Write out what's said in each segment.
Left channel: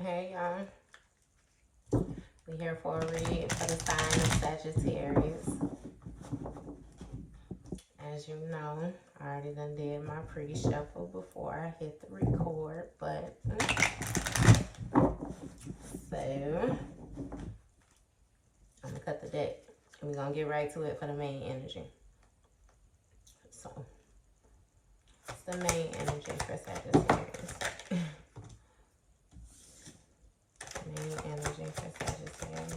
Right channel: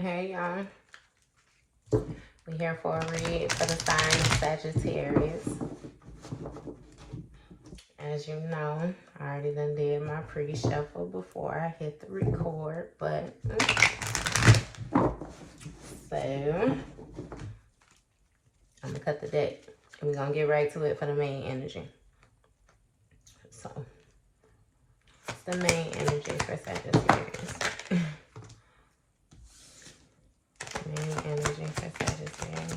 Hey y'all, we're here for a read for the sign of Sagittarius. As you know, I already done did my pre-shuffle before I hit the record, but so I'm gonna cut the deck and we're gonna get right to it for the main energy. So it's the main energy for Sagittarius. Main energy for Sagittarius.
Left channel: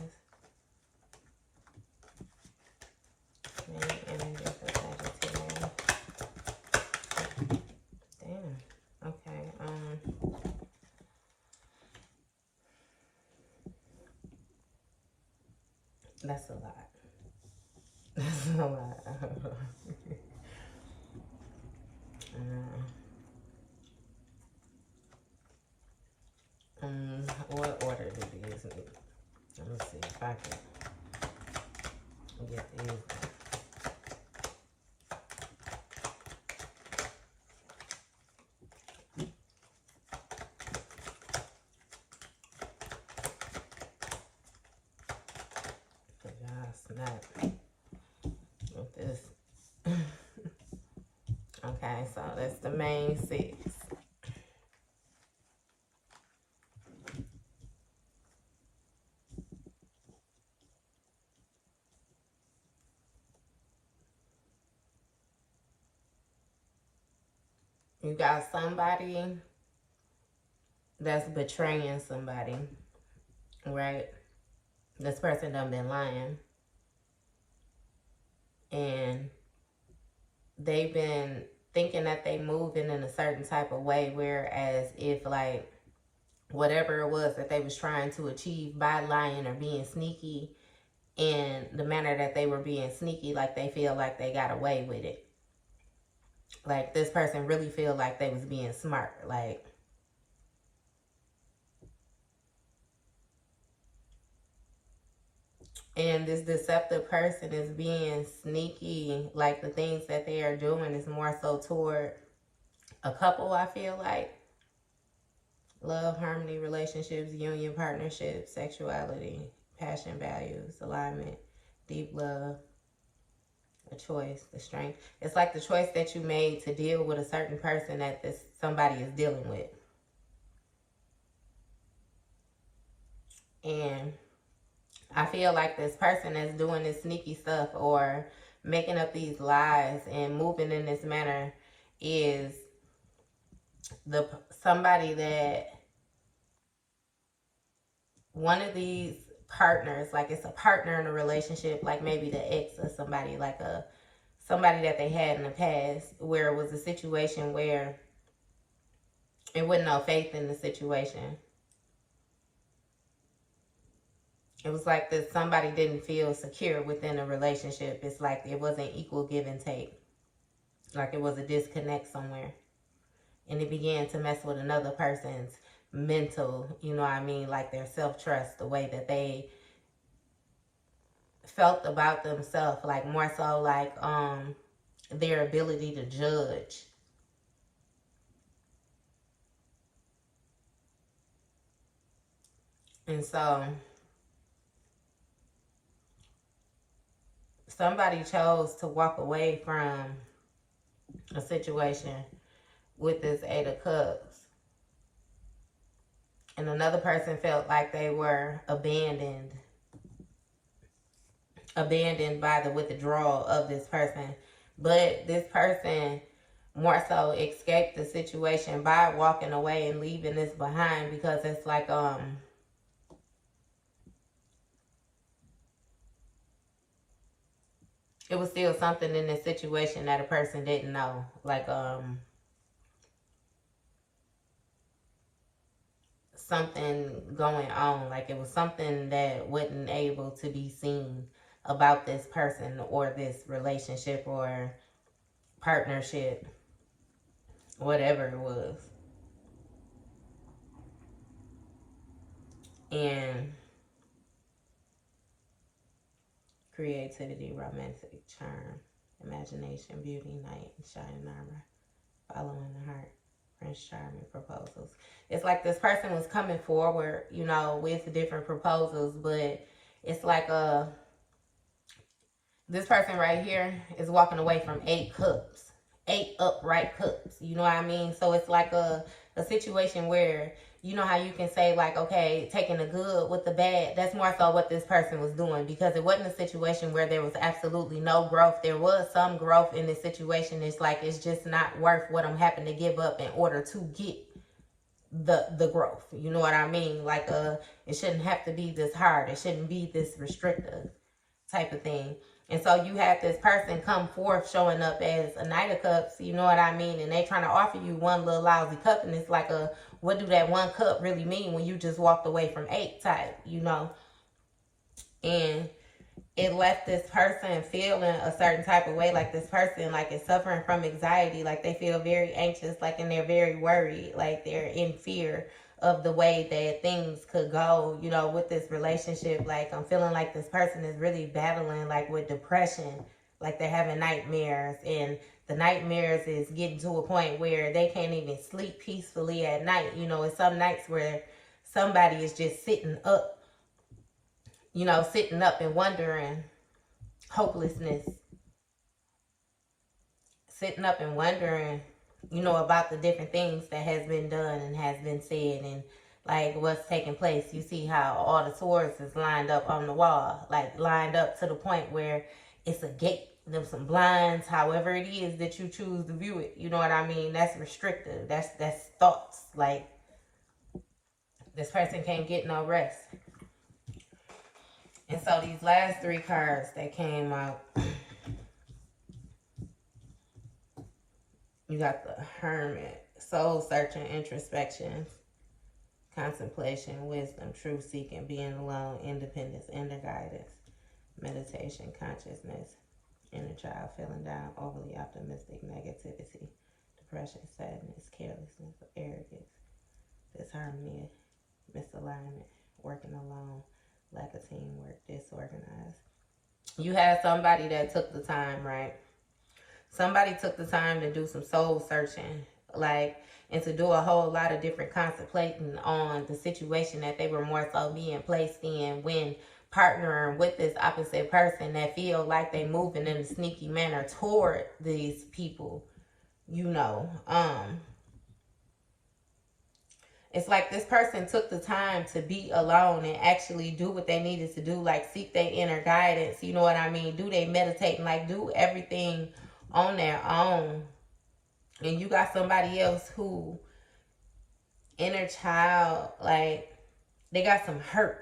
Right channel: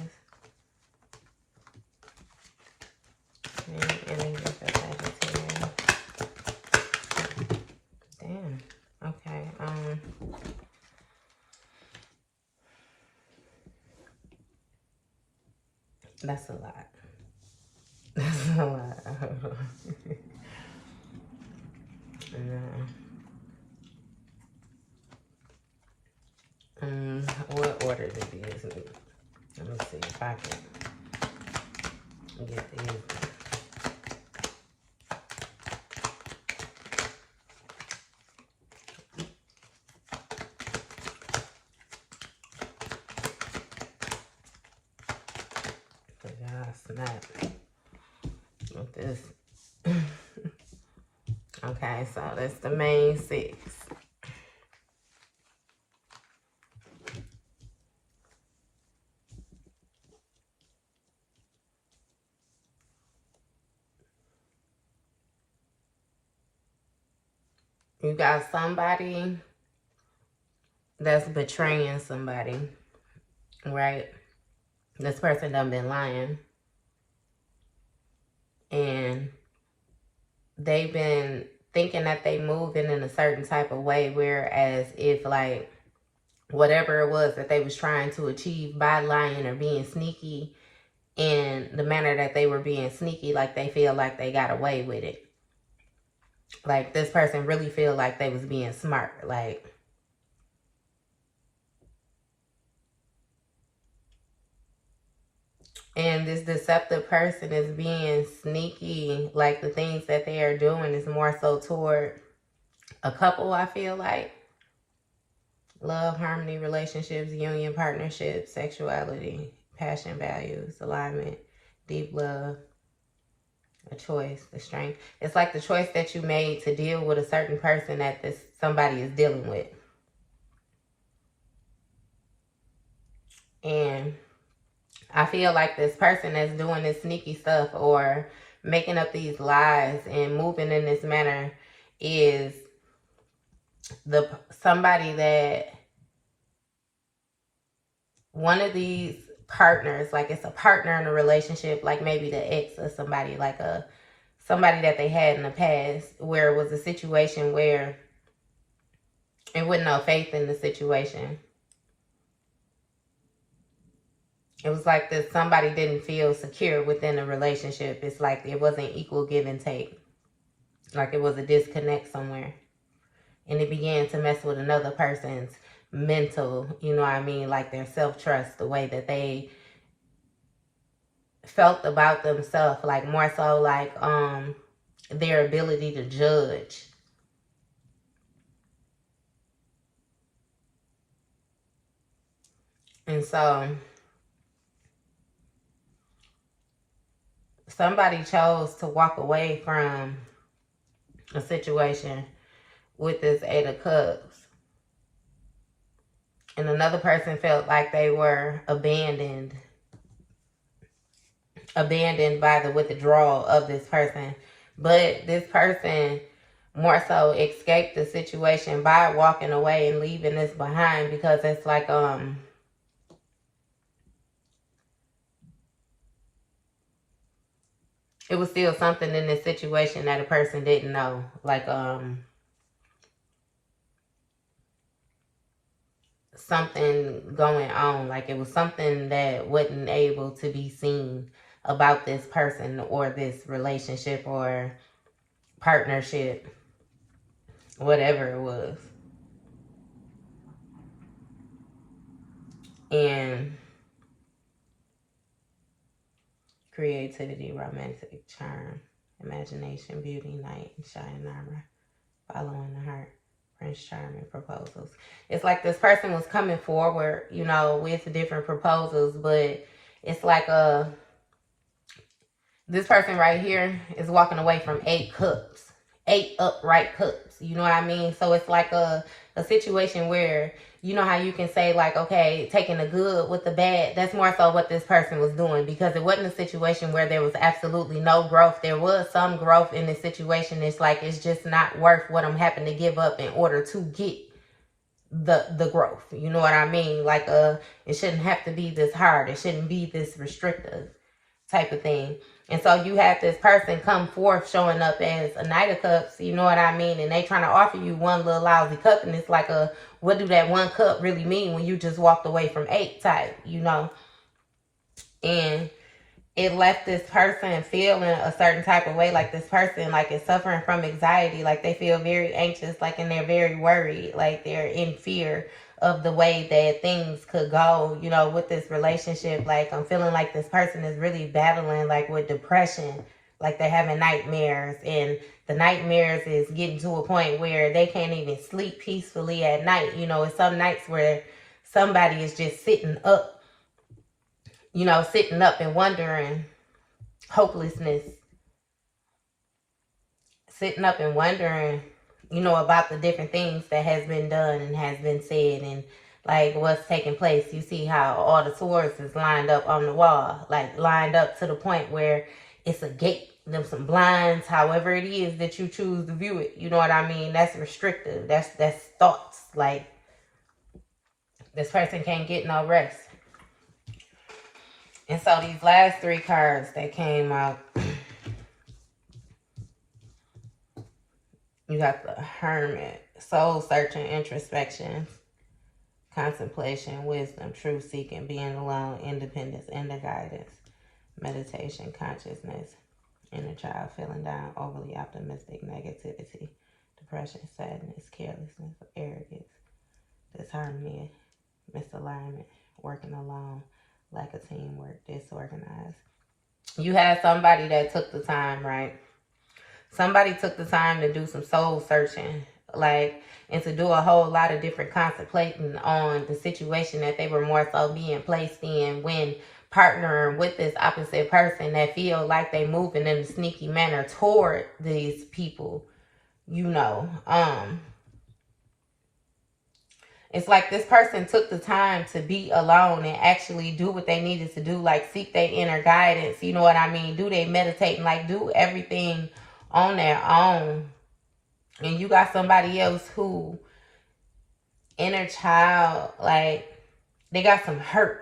Main energy for Sagittarius. Damn. Okay. That's a lot. That's a lot. What order this is? Let me see if I can get these. Cause y'all snap with this. Okay, so that's the main six. You got somebody that's betraying somebody, right? This person done been lying. And they've been thinking that they moving in a certain type of way, whereas if like whatever it was that they was trying to achieve by lying or being sneaky in the manner that they were being sneaky, like they feel like they got away with it. Like this person really feel like they was being smart. Like and this deceptive person is being sneaky. Like the things that they are doing is more so toward a couple, I feel like. Love, harmony, relationships, union, partnership, sexuality, passion, values, alignment, deep love, a choice, the strength. It's like the choice that you made to deal with a certain person that this somebody is dealing with. And I feel like this person that's doing this sneaky stuff or making up these lies and moving in this manner is somebody that one of these partners, like it's a partner in a relationship, like maybe the ex or somebody, like somebody that they had in the past, where it was a situation where it wasn't no faith in the situation. It was like that somebody didn't feel secure within the relationship. It's like it wasn't equal give and take. Like it was a disconnect somewhere. And it began to mess with another person's mental, you know what I mean? Like their self-trust, the way that they felt about themselves, like more so like their ability to judge. And so somebody chose to walk away from a situation with this Eight of Cups. And another person felt like they were abandoned by the withdrawal of this person. But this person more so escaped the situation by walking away and leaving this behind, because it's like it was still something in this situation that a person didn't know. Like something going on. Like it was something that wasn't able to be seen about this person or this relationship or partnership, whatever it was. And creativity, romantic charm, imagination, beauty, night, shining armor, following the heart, Prince Charming proposals. It's like this person was coming forward, you know, with different proposals, but it's like this person right here is walking away from 8 cups, 8 upright cups. You know what I mean? So it's like a situation where, you know how you can say like, okay, taking the good with the bad. That's more so what this person was doing, because it wasn't a situation where there was absolutely no growth. There was some growth in this situation. It's like, it's just not worth what I'm having to give up in order to get the growth. You know what I mean? Like it shouldn't have to be this hard. It shouldn't be this restrictive type of thing. And so you have this person come forth showing up as a Knight of Cups, you know what I mean? And they trying to offer you one little lousy cup, and it's like what do that 1 cup really mean when you just walked away from 8 type, you know? And it left this person feeling a certain type of way, like this person like is suffering from anxiety, like they feel very anxious, like, and they're very worried, like they're in fear of the way that things could go, you know, with this relationship. Like, I'm feeling like this person is really battling like with depression, like they're having nightmares, and the nightmares is getting to a point where they can't even sleep peacefully at night. You know, it's some nights where somebody is just sitting up, you know, sitting up and wondering, hopelessness, sitting up and wondering, you know, about the different things that has been done and has been said, and like what's taking place. You see how all the swords is lined up on the wall, like lined up to the point where it's a gate, them some blinds, however it is that you choose to view it. You know what I mean? That's restrictive. That's thoughts. Like, this person can't get no rest. And so these last 3 cards that came out, you got the Hermit, soul searching, introspection, contemplation, wisdom, truth seeking, being alone, independence, inner guidance, meditation, consciousness, inner child, feeling down, overly optimistic, negativity, depression, sadness, carelessness, arrogance, disharmony, misalignment, working alone, lack of teamwork, disorganized. You had somebody that took the time, right? Somebody took the time to do some soul searching, like, and to do a whole lot of different contemplating on the situation that they were more so being placed in when partnering with this opposite person that feel like they moving in a sneaky manner toward these people, you know. It's like this person took the time to be alone and actually do what they needed to do, like seek their inner guidance, you know what I mean? Do they meditate and like do everything on their own. And you got somebody else who, inner child, like, they got some hurt.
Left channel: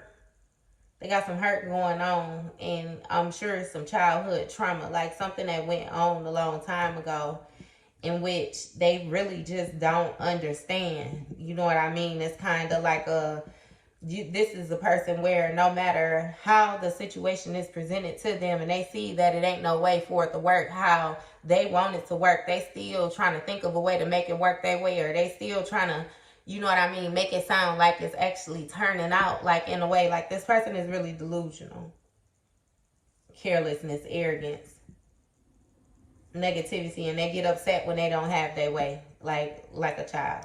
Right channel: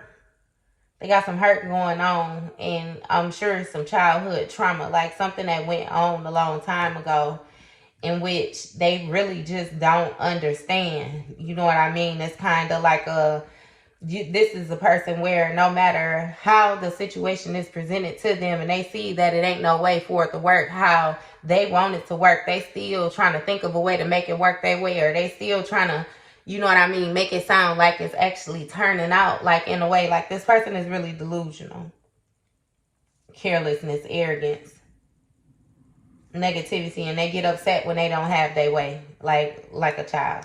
They got some hurt going on, and I'm sure it's some childhood trauma, like something that went on a long time ago, in which they really just don't understand. You know what I mean? It's kind of like this is a person where no matter how the situation is presented to them and they see that it ain't no way for it to work how they want it to work, they still trying to think of a way to make it work their way, or they still trying to, you know what I mean, make it sound like it's actually turning out like in a way. Like, this person is really delusional. Carelessness, arrogance, negativity, and they get upset when they don't have their way, like a child.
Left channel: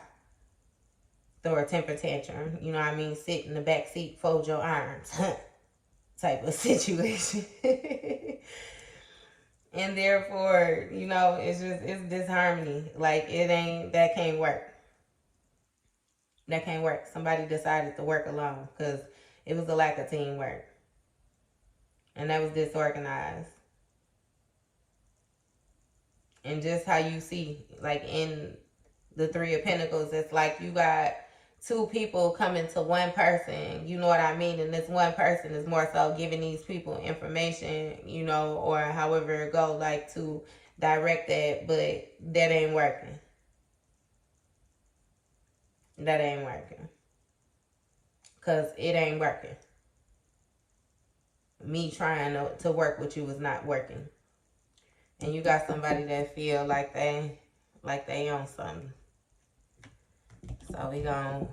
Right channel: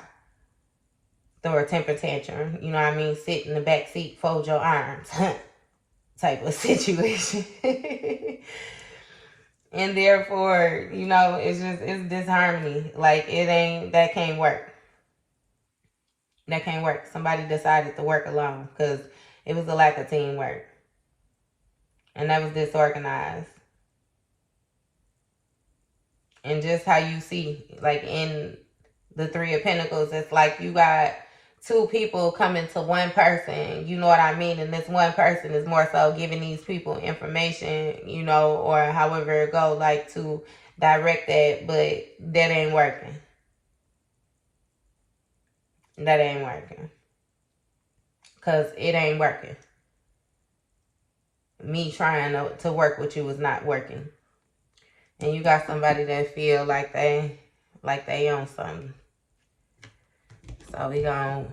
Throw a temper tantrum, you know what I mean? Sit in the back seat, fold your arms, type of situation. And therefore, you know, it's disharmony. Like, that can't work. That can't work. Somebody decided to work alone because it was a lack of teamwork. And that was disorganized. And just how you see, like in the 3 of Pentacles, it's like you got 2 people coming to one person, you know what I mean? And this one person is more so giving these people information, you know, or however it go, like to direct that, but that ain't working. That ain't working. Because it ain't working. Me trying to work with you is not working. And you got somebody that feel like they own something. So we gonna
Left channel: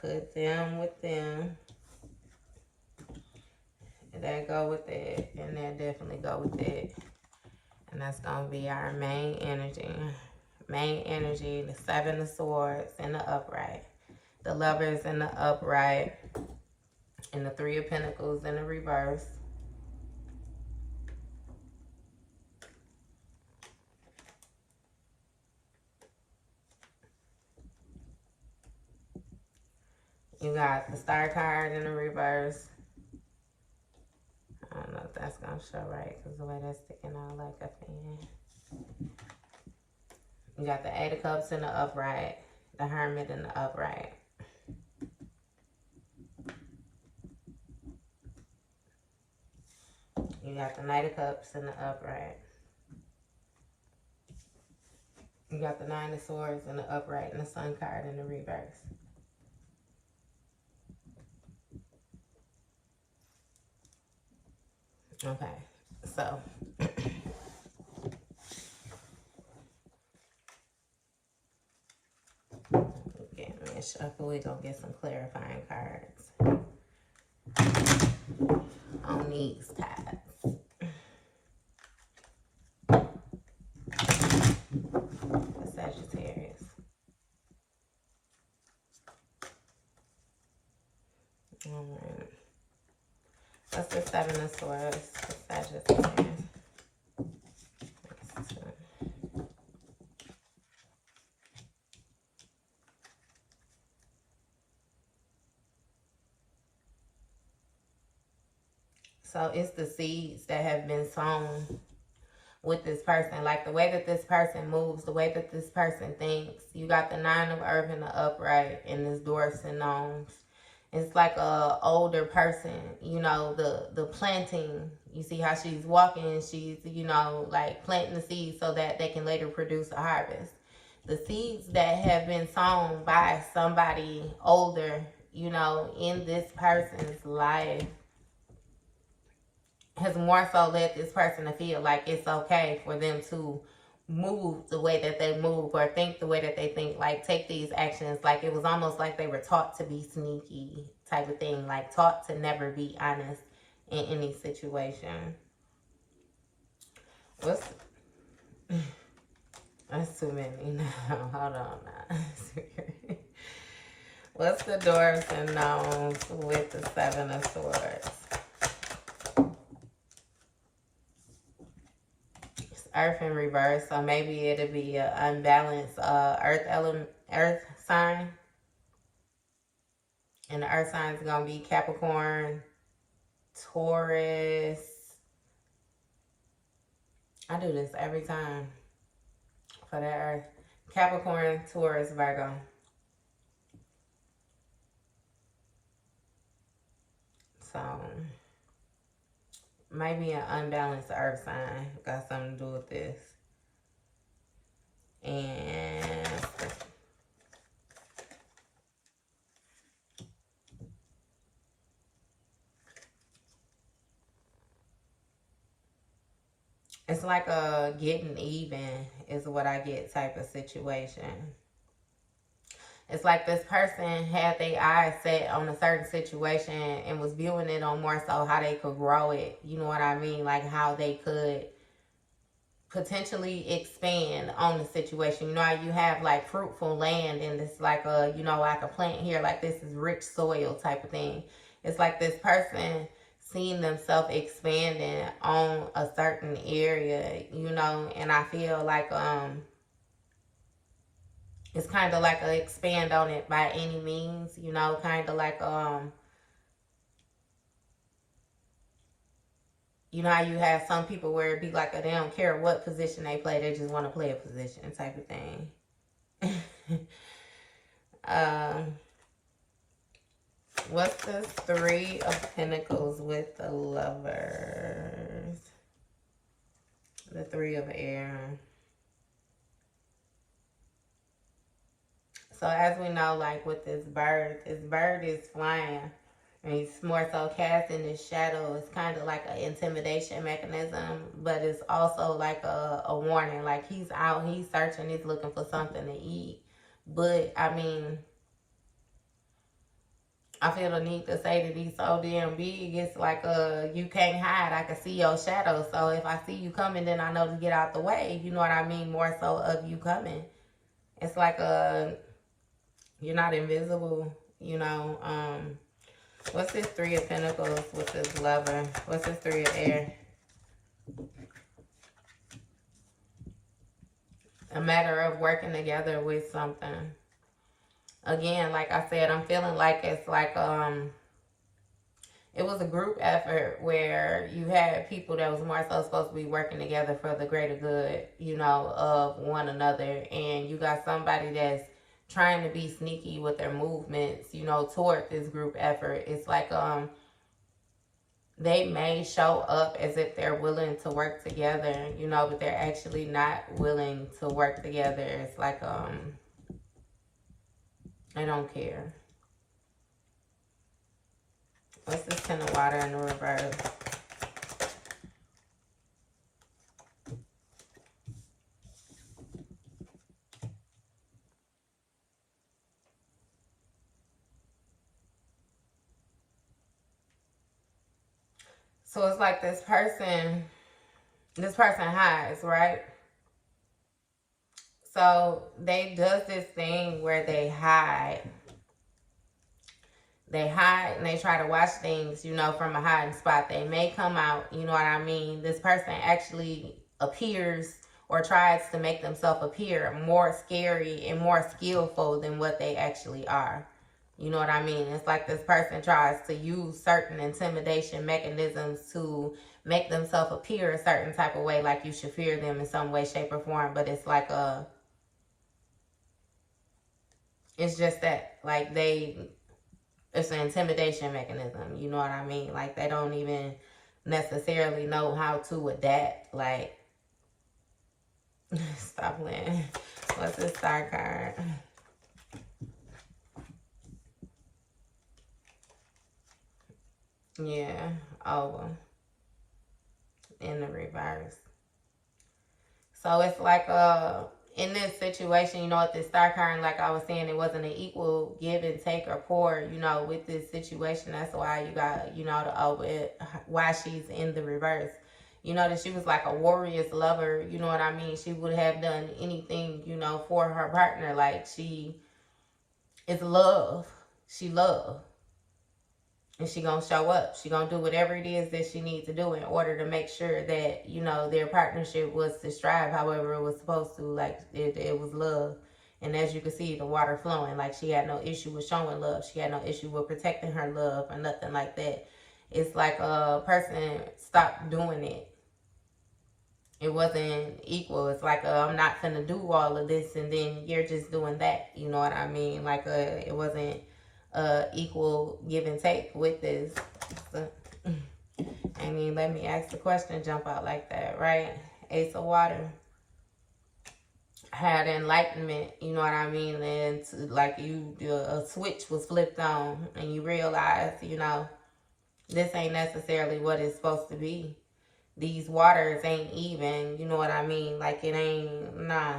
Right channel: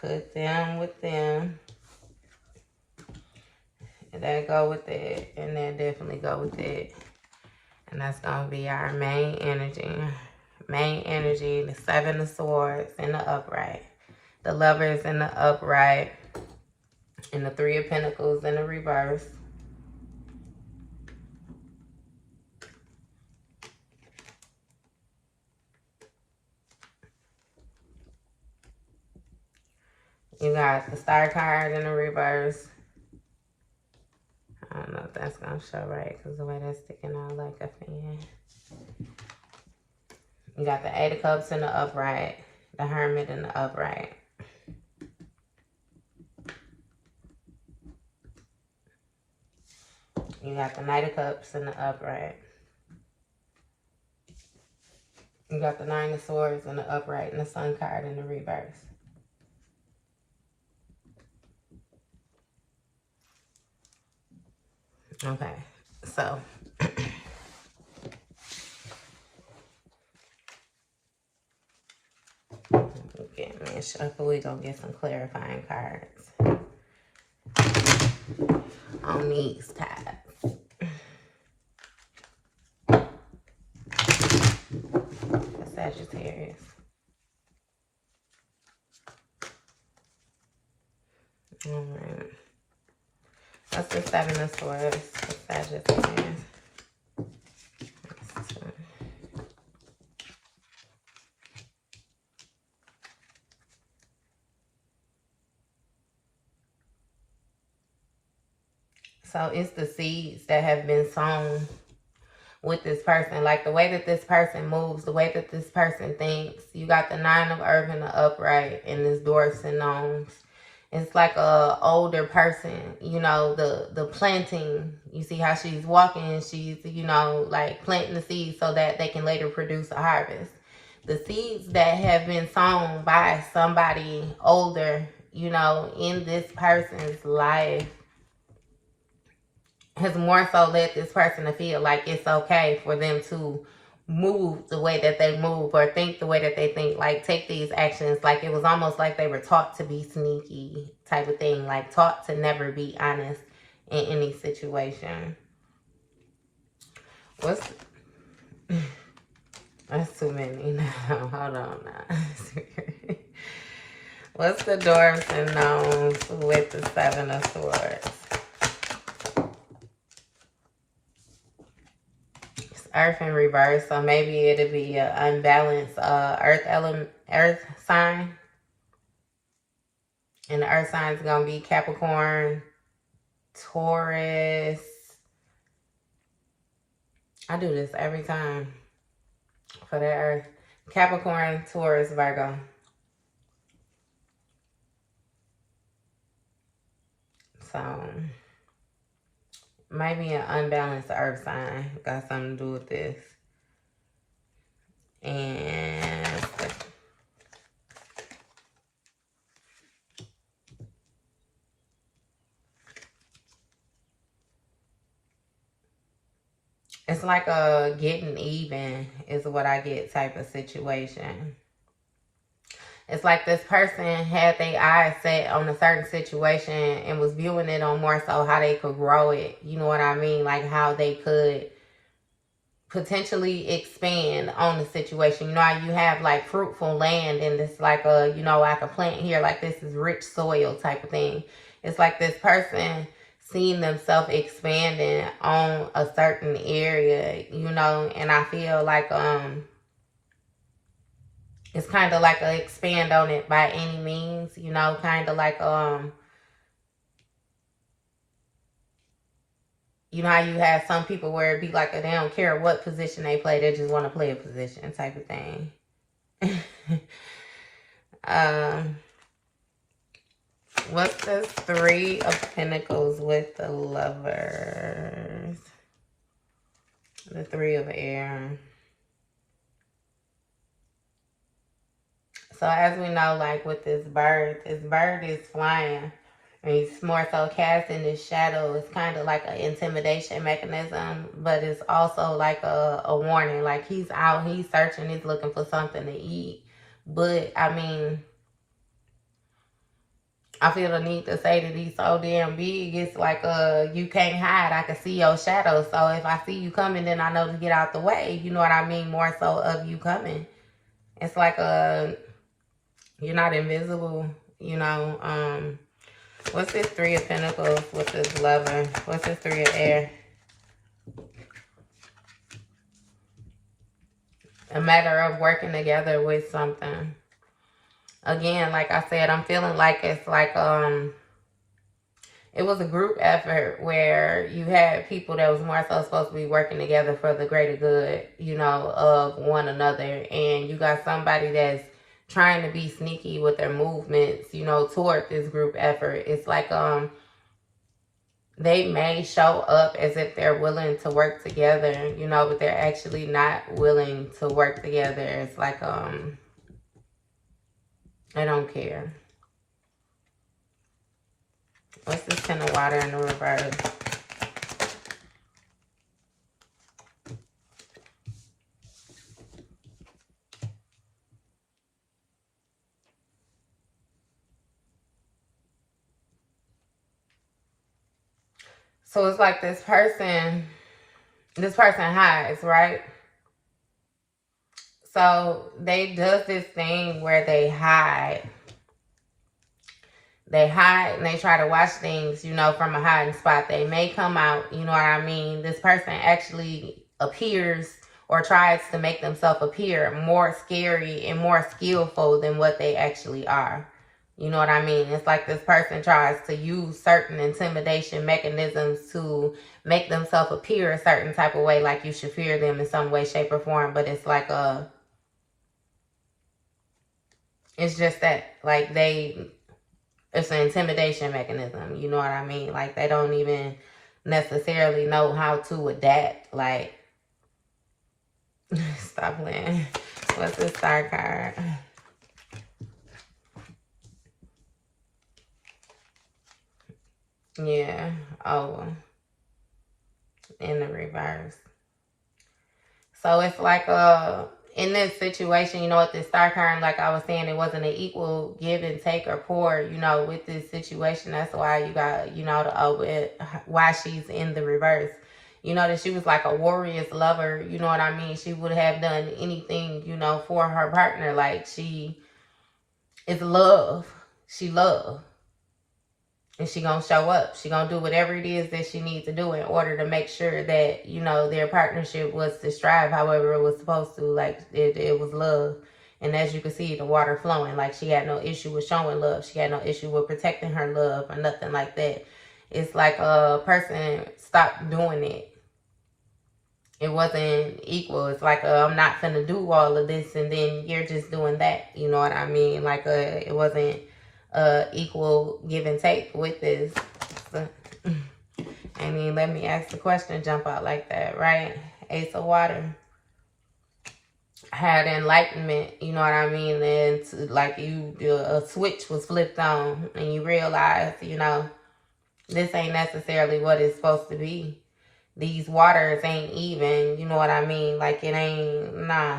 put them with them. And that go with that. And that definitely go with that. And that's gonna be our main energy. main energy, the Seven of Swords in the upright, the Lovers in the upright, and the Three of Pentacles in the reverse. You got the Star card in the reverse. I don't know if that's going to show right because the way that's sticking out like a fan. You got the Eight of Cups in the upright, the Hermit in the upright. You got the Knight of Cups in the upright. You got the Nine of Swords in the upright and the Sun card in the reverse. Okay, so get me a shuffle. We're going to get some clarifying cards on these cards. The Sagittarius. Alright. That's the Seven of Swords for Sagittarius. So it's the seeds that have been sown with this person. Like the way that this person moves, the way that this person thinks. You got the Nine of Earth in the upright and this Doors and Gnomes. It's like a older person, you know, the planting. You see how she's walking, she's, you know, like planting the seeds so that they can later produce a harvest. The seeds that have been sown by somebody older, you know, in this person's life has more so led this person to feel like it's okay for them to move the way that they move or think the way that they think, like take these actions. Like it was almost like they were taught to be sneaky type of thing, like taught to never be honest in any situation. What's that's too many now. Hold on now. What's the Doors and Gnomes with the Seven of Swords? Earth in reverse, so maybe it'll be an unbalanced earth sign, and the earth sign is gonna be Capricorn, Taurus. I do this every time for the earth. Capricorn, Taurus, Virgo. So maybe an unbalanced earth sign got something to do with this. And it's like a getting even is what I get type of situation. It's like this person had their eyes set on a certain situation and was viewing it on more so how they could grow it. You know what I mean? Like how they could potentially expand on the situation. You know how you have like fruitful land and it's like a, you know, like a plant here, like this is rich soil type of thing. It's like this person seeing themselves expanding on a certain area, you know, and I feel like it's kind of like a expand on it by any means, you know, kind of like you know how you have some people where it be like they don't care what position they play, they just want to play a position type of thing. What's the Three of Pentacles with the Lovers? The Three of Air. So as we know, like with this bird is flying. And he's more so casting his shadow. It's kind of like an intimidation mechanism, but it's also like a warning. Like he's out, he's searching, he's looking for something to eat. But I mean, I feel the need to say that he's so damn big. It's like you can't hide. I can see your shadow. So if I see you coming, then I know to get out the way. You know what I mean? More so of you coming. It's like you're not invisible, you know. What's this Three of Pentacles? What's this Lover? What's this Three of Air? A matter of working together with something. Again, like I said, I'm feeling like it's like it was a group effort where you had people that was more so supposed to be working together for the greater good, you know, of one another. And you got somebody that's trying to be sneaky with their movements, you know, toward this group effort. It's like they may show up as if they're willing to work together, you know, but they're actually not willing to work together. It's like they don't care. What's this Ten of Water in the reverse? So it's like this person hides, right? So they does this thing where they hide. They hide and they try to watch things, you know, from a hiding spot. They may come out, you know what I mean? This person actually appears or tries to make themselves appear more scary and more skillful than what they actually are. You know what I mean? It's like this person tries to use certain intimidation mechanisms to make themselves appear a certain type of way, like you should fear them in some way, shape, or form. But it's like it's just that, like, it's an intimidation mechanism. You know what I mean? Like, they don't even necessarily know how to adapt. Like, stop playing. What's this Star card? Yeah. Oh. In the reverse. So it's like in this situation, you know, with this Star card, like I was saying, it wasn't an equal give and take or pour, you know, with this situation. That's why you got, you know, why she's in the reverse. You know, that she was like a warrior's lover, you know what I mean? She would have done anything, you know, for her partner. Like, she is love. She love. And she gonna show up. She gonna do whatever it is that she needs to do in order to make sure that, you know, their partnership was to strive however it was supposed to. Like, it was love. And as you can see, the water flowing. Like, she had no issue with showing love. She had no issue with protecting her love or nothing like that. It's like a person stopped doing it. It wasn't equal. It's like, I'm not finna do all of this and then you're just doing that. You know what I mean? Like, it wasn't equal give and take with this. I mean, let me ask the question, jump out like that, right? Ace of Water. Had enlightenment, you know what I mean? And like, a switch was flipped on and you realize, you know, this ain't necessarily what it's supposed to be. These waters ain't even, you know what I mean? Like, it ain't, nah.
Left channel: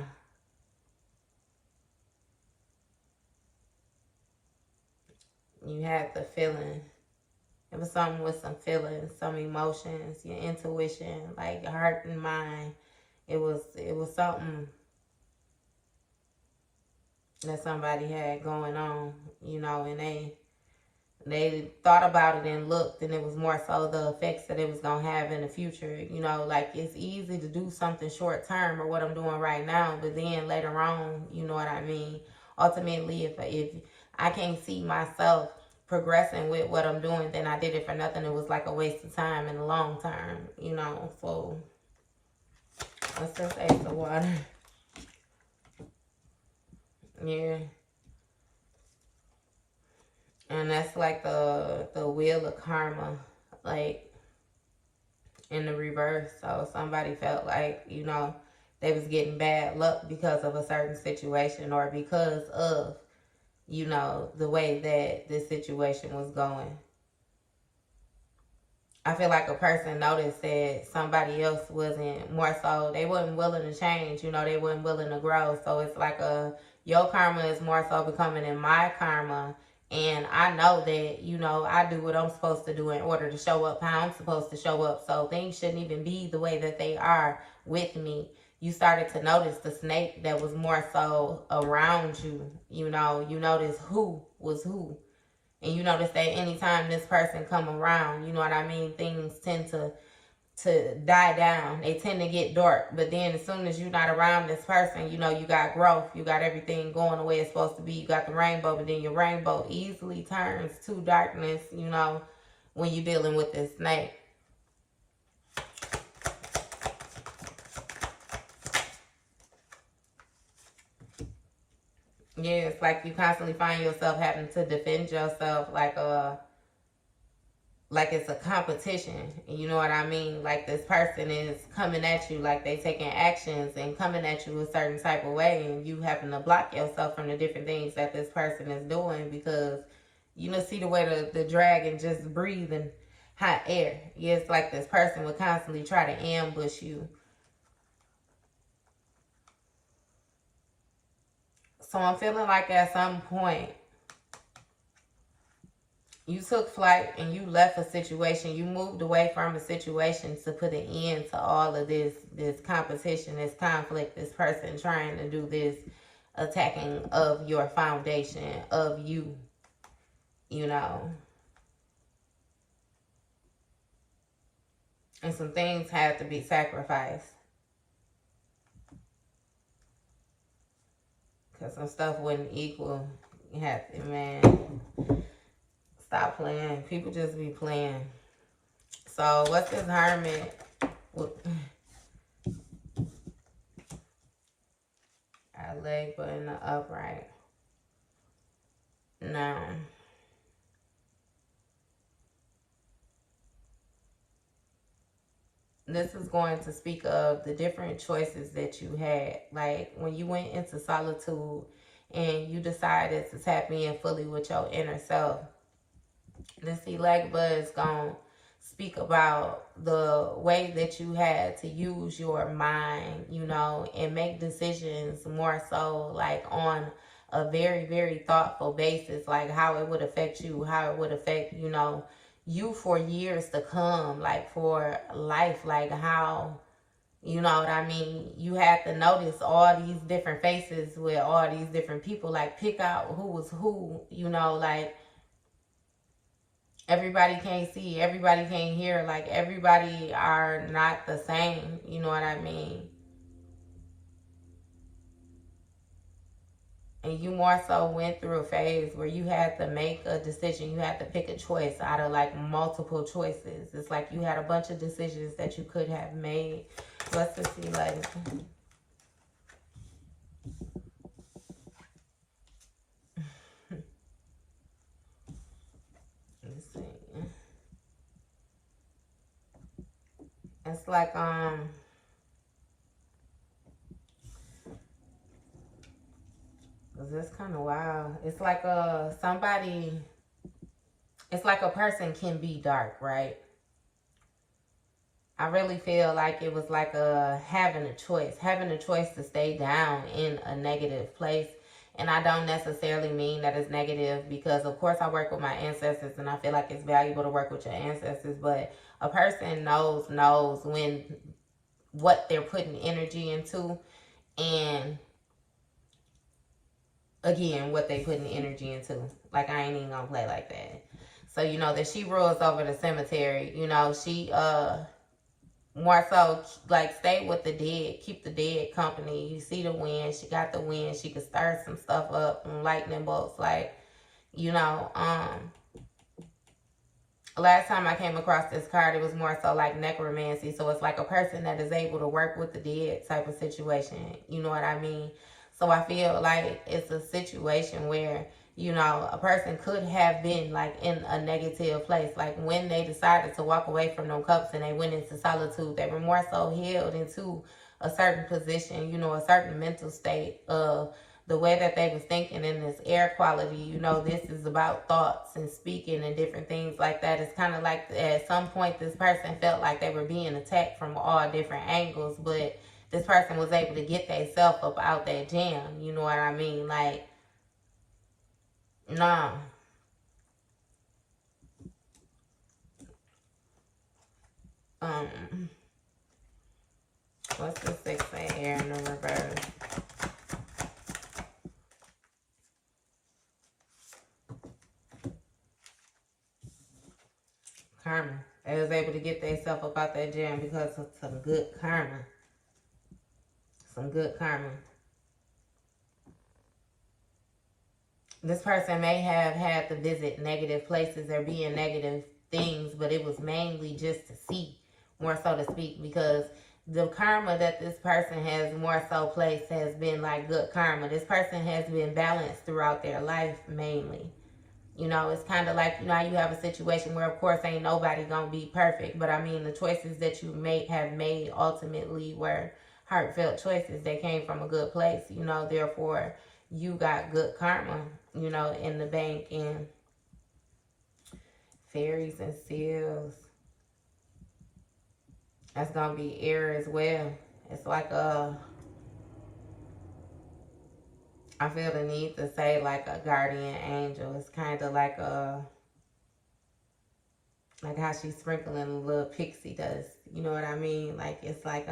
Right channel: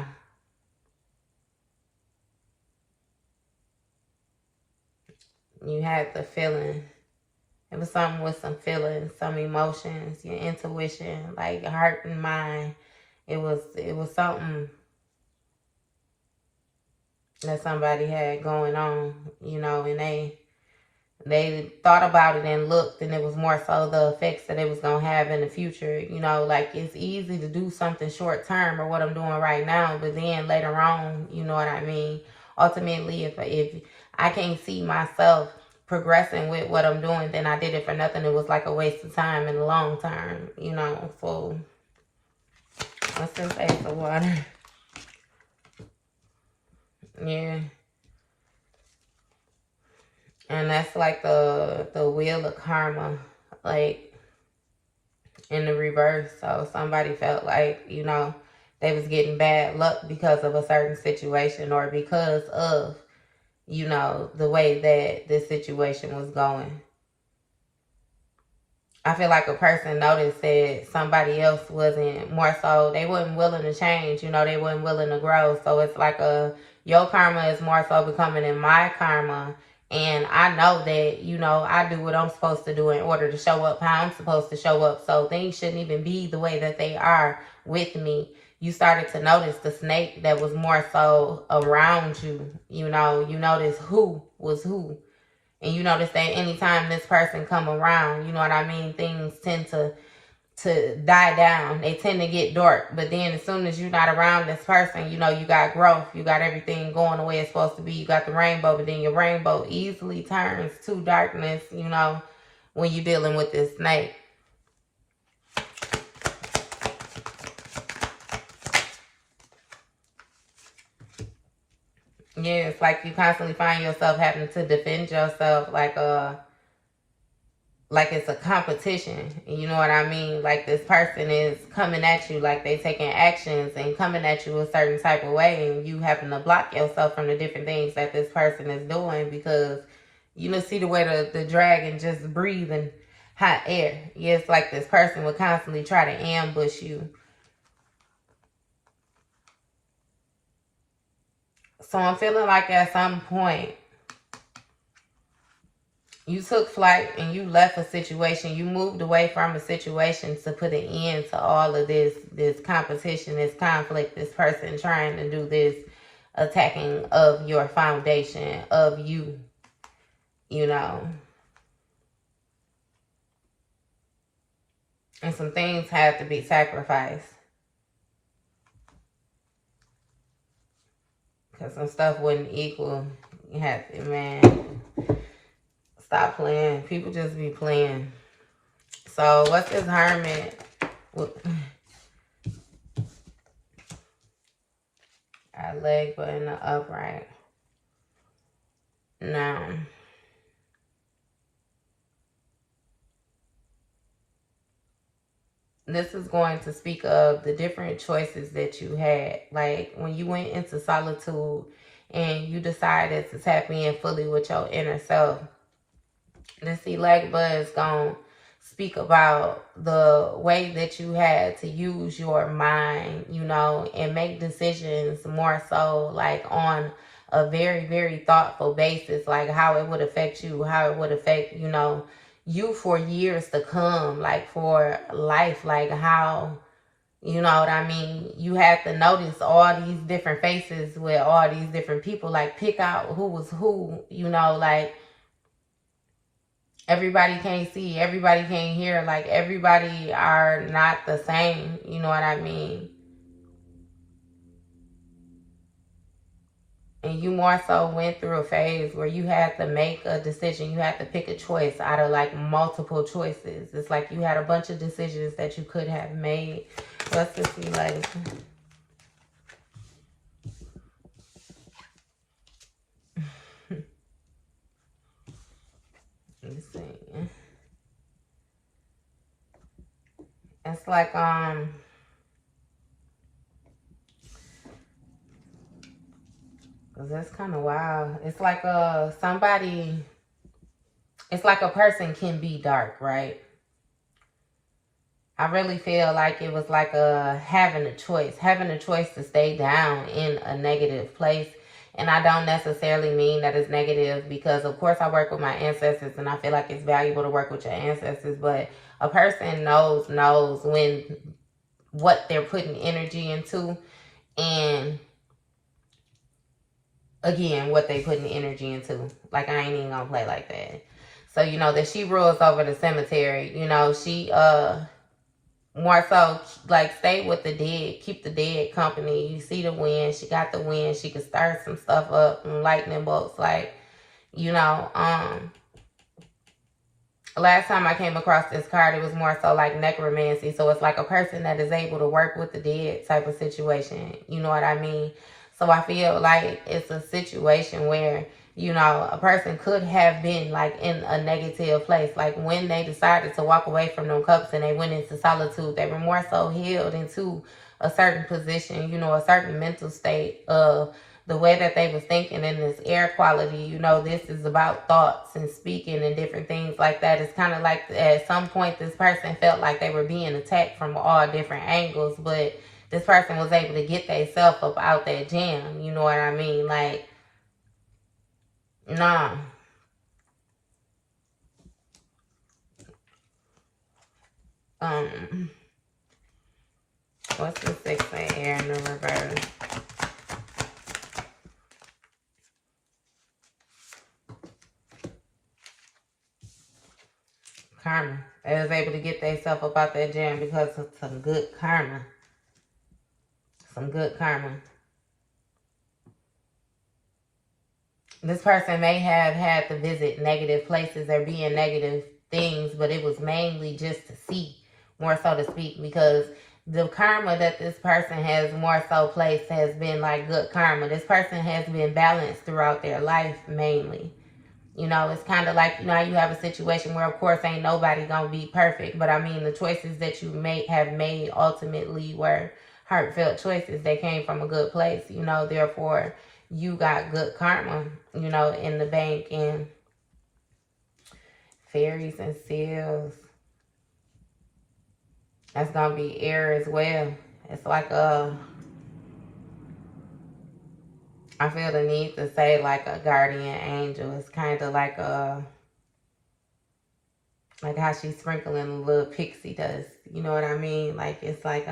You had the feeling. It was something with some feelings, some emotions, your intuition, like your heart and mind. It was something that somebody had going on, you know, and they thought about it and looked, and it was more so the effects that it was going to have in the future. You know, like, it's easy to do something short term or what I'm doing right now, but then later on, you know what I mean? Ultimately, if I can't see myself progressing with what I'm doing, then I did it for nothing. It was like a waste of time in the long term, you know. So, what's this Ace of Water? Yeah. And that's like the wheel of karma, like, in the reverse. So somebody felt like, you know, they was getting bad luck because of a certain situation or because of, you know, the way that this situation was going. I feel like a person noticed that somebody else wasn't, more so, they wasn't willing to change, you know, they wasn't willing to grow. So it's like your karma is more so becoming in my karma. And I know that, you know, I do what I'm supposed to do in order to show up how I'm supposed to show up. So things shouldn't even be the way that they are with me. you started to notice the snake that was more so around you. You know, you notice who was who. And you notice that anytime this person come around, you know what I mean, things tend to die down. They tend to get dark. But then as soon as you're not around this person, you know, you got growth. You got everything going the way it's supposed to be. You got the rainbow, but then your rainbow easily turns to darkness, you know, when you're dealing with this snake. Yeah, it's like you constantly find yourself having to defend yourself like it's a competition. You know what I mean? Like this person is coming at you, like they taking actions and coming at you a certain type of way, and you having to block yourself from the different things that this person is doing because you know, see the way the dragon just breathing hot air. Yeah, it's like this person would constantly try to ambush you. So I'm feeling like at some point you took flight and you left a situation. You moved away from a situation to put an end to all of this competition, this conflict, this person trying to do this attacking of your foundation, of you, you know. And some things have to be sacrificed. Because some stuff wasn't equal. You have to, man, stop playing. People just be playing. So what's this hermit? I leg but in the upright. Now, this is going to speak of the different choices that you had. Like when you went into solitude and you decided to tap in fully with your inner self. This leg bud is going to speak about the way that you had to use your mind, you know, and make decisions more so like on a very, very thoughtful basis, like how it would affect you, how it would affect, you know, you for years to come, like for life, like how, you know what I mean? You had to notice all these different faces with all these different people, like pick out who was who, you know, like everybody can't see, everybody can't hear, like everybody are not the same, you know what I mean? And you more so went through a phase where you had to make a decision. You had to pick a choice out of like multiple choices. It's like you had a bunch of decisions that you could have made. What's this like? Let's see. It's like that's kind of wild. It's like somebody. It's like a person can be dark, right? I really feel like it was like having a choice to stay down in a negative place. And I don't necessarily mean that it's negative because, of course, I work with my ancestors and I feel like it's valuable to work with your ancestors. But a person knows when what they're putting energy into and, again, what they putting energy into. Like, I ain't even gonna play like that. So, you know, that she rules over the cemetery. You know, she, more so like stay with the dead, keep the dead company. You see the wind, she got the wind, she could start some stuff up and lightning bolts, like, you know. Last time I came across this card, it was more so like necromancy. So it's like a person that is able to work with the dead type of situation, you know what I mean? So I feel like it's a situation where, you know, a person could have been like in a negative place. Like when they decided to walk away from them cups and they went into solitude, they were more so healed into a certain position, you know, a certain mental state of the way that they was thinking in this air quality. You know, this is about thoughts and speaking and different things like that. It's kind of like at some point this person felt like they were being attacked from all different angles, but this person was able to get themselves up out that jam, you know what I mean? Like, nah. What's the 6 of air? Karma. They was able to get themselves up out that jam because of some good karma. Some good karma. This person may have had to visit negative places or be in negative things, but it was mainly just to see, more so to speak, because the karma that this person has more so placed has been like good karma. This person has been balanced throughout their life mainly. You know, it's kind of like, you know, you have a situation where, of course, ain't nobody gonna be perfect, but I mean, the choices that you have made ultimately were heartfelt choices. They came from a good place, you know, therefore you got good karma, you know, in the bank. And fairies and seals, that's gonna be air as well. It's like I feel the need to say like a guardian angel. It's kind of like how she's sprinkling a little pixie dust. You know what I mean? Like it's like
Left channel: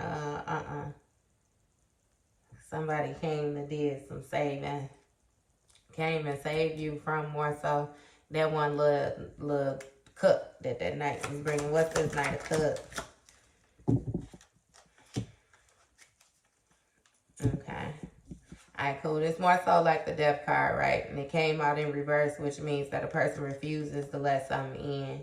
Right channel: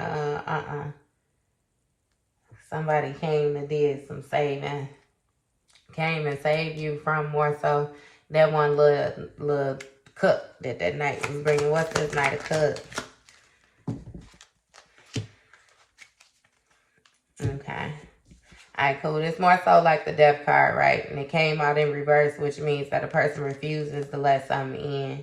somebody came and did some saving, came and saved you from more so that one little cup that night was bringing. What's this Knight of Cups? Okay. Alright, cool. It's more so like the death card, right? And it came out in reverse, which means that a person refuses to let something in.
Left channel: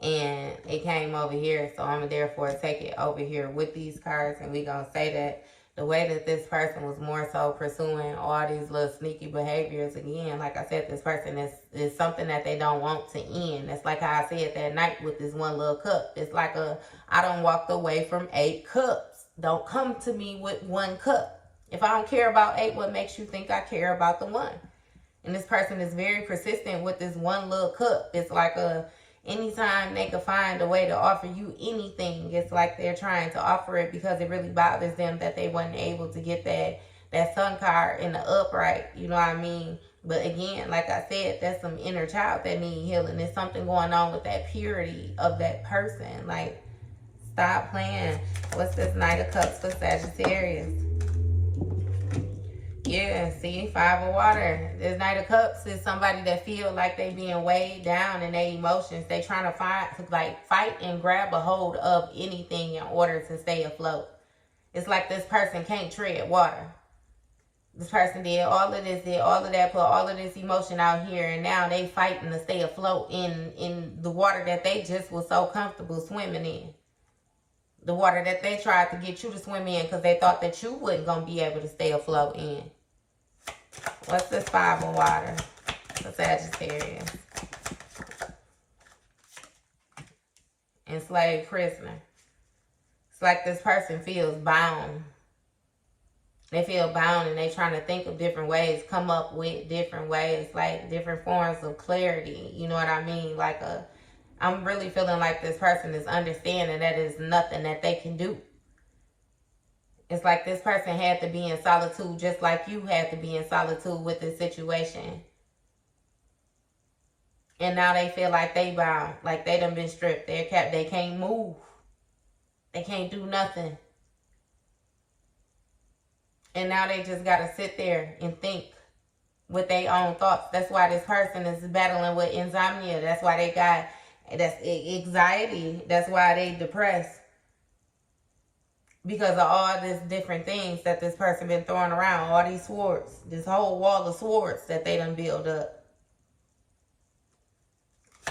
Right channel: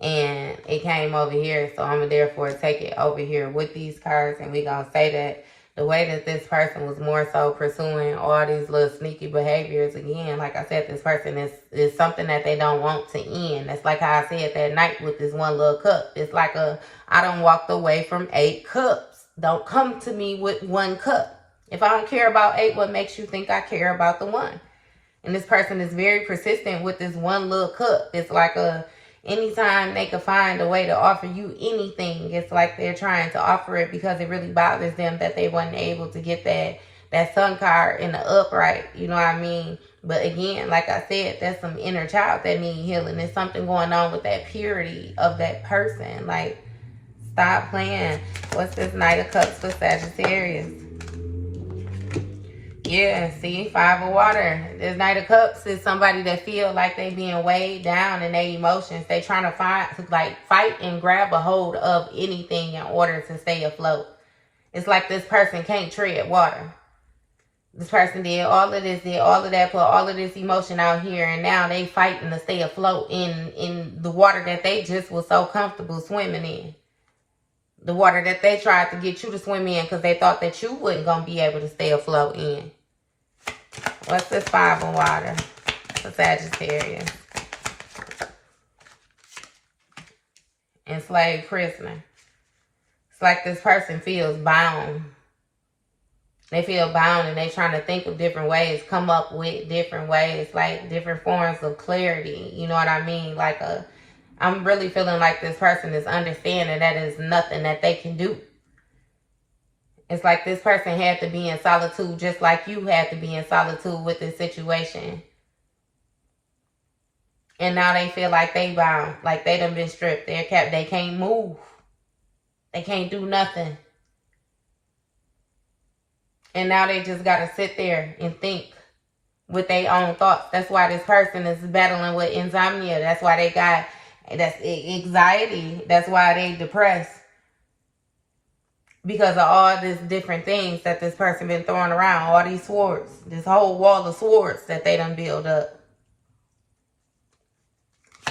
And it came over here, so I'm going to therefore take it over here with these cards. And we're going to say that the way that this person was more so pursuing all these little sneaky behaviors, again, like I said, this person is something that they don't want to end. It's like how I said that night with this one little cup. It's like I done walked away from 8 cups. Don't come to me with 1 cup. If I don't care about 8, what makes you think I care about the 1? And this person is very persistent with this one little cup. It's like anytime they could find a way to offer you anything, it's like they're trying to offer it because it really bothers them that they wasn't able to get that sun card in the upright. You know what I mean? But again, like I said, that's some inner child that need healing. There's something going on with that purity of that person. Like, stop playing. What's this Knight of Cups for Sagittarius? Yeah, see, 5 of water. This Knight of Cups is somebody that feel like they being weighed down in their emotions. They trying to fight and grab a hold of anything in order to stay afloat. It's like this person can't tread water. This person did all of this, did all of that, put all of this emotion out here, and now they fighting to stay afloat in the water that they just was so comfortable swimming in. The water that they tried to get you to swim in because they thought that you wasn't going to be able to stay afloat in. What's this 5 of water for Sagittarius? Enslaved prisoner. It's like this person feels bound. They feel bound and they trying to think of different ways, come up with different ways, like different forms of clarity. You know what I mean? Like I'm really feeling like this person is understanding that there's nothing that they can do. It's like this person had to be in solitude just like you had to be in solitude with this situation. And now they feel like they bound, like they done been stripped. They can't move. They can't do nothing. And now they just got to sit there and think with their own thoughts. That's why this person is battling with insomnia. That's why they got that's anxiety. That's why they depressed. Because of all these different things that this person been throwing around. All these swords. This whole wall of swords that they done build up.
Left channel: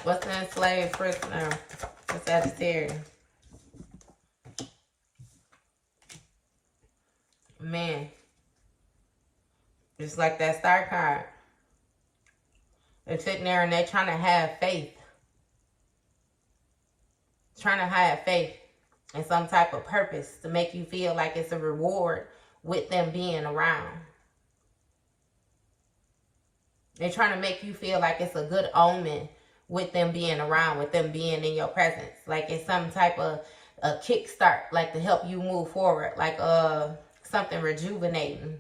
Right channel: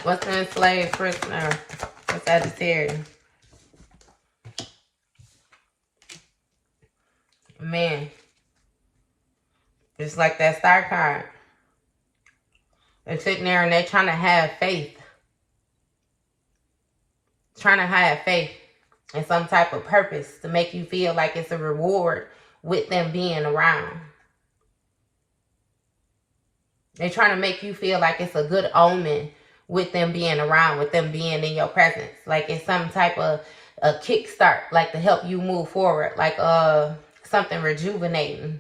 What's the enslaved prisoner for Sagittarius? Man. It's like that star card. They're sitting there and they're trying to have faith. Trying to have faith in some type of purpose to make you feel like it's a reward with them being around. They're trying to make you feel like it's a good omen with them being around, with them being in your presence. Like it's some type of a kickstart, like to help you move forward, like something rejuvenating.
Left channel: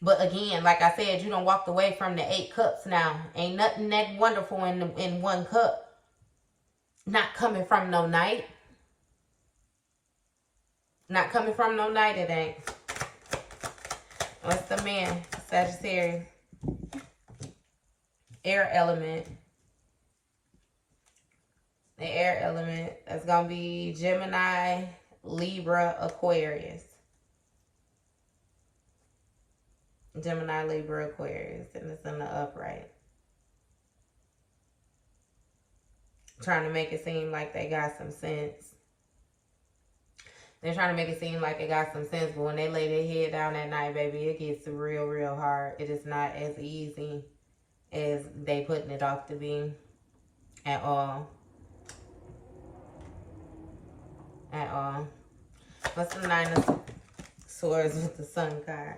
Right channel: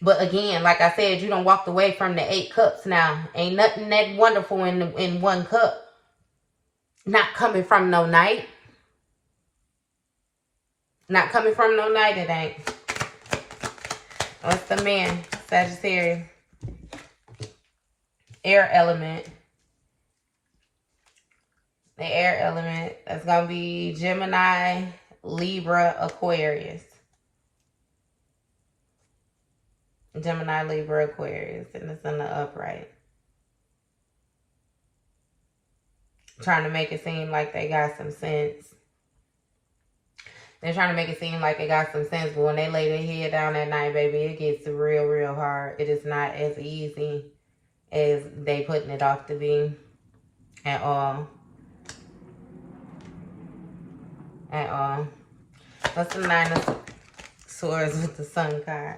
But again, like I said, you done walked away from the 8 cups now. Ain't nothing that wonderful in 1 cup. Not coming from no night. Not coming from no night, it ain't. What's the man? Sagittarius. Air element. The air element, that's going to be Gemini, Libra, Aquarius. Gemini, Libra, Aquarius. And it's in the upright. Trying to make it seem like they got some sense. They're trying to make it seem like they got some sense, but when they lay their head down at night, baby, it gets real, real hard. It is not as easy as they putting it off to be at all. At all. What's the Nine of Swords with the Sun card?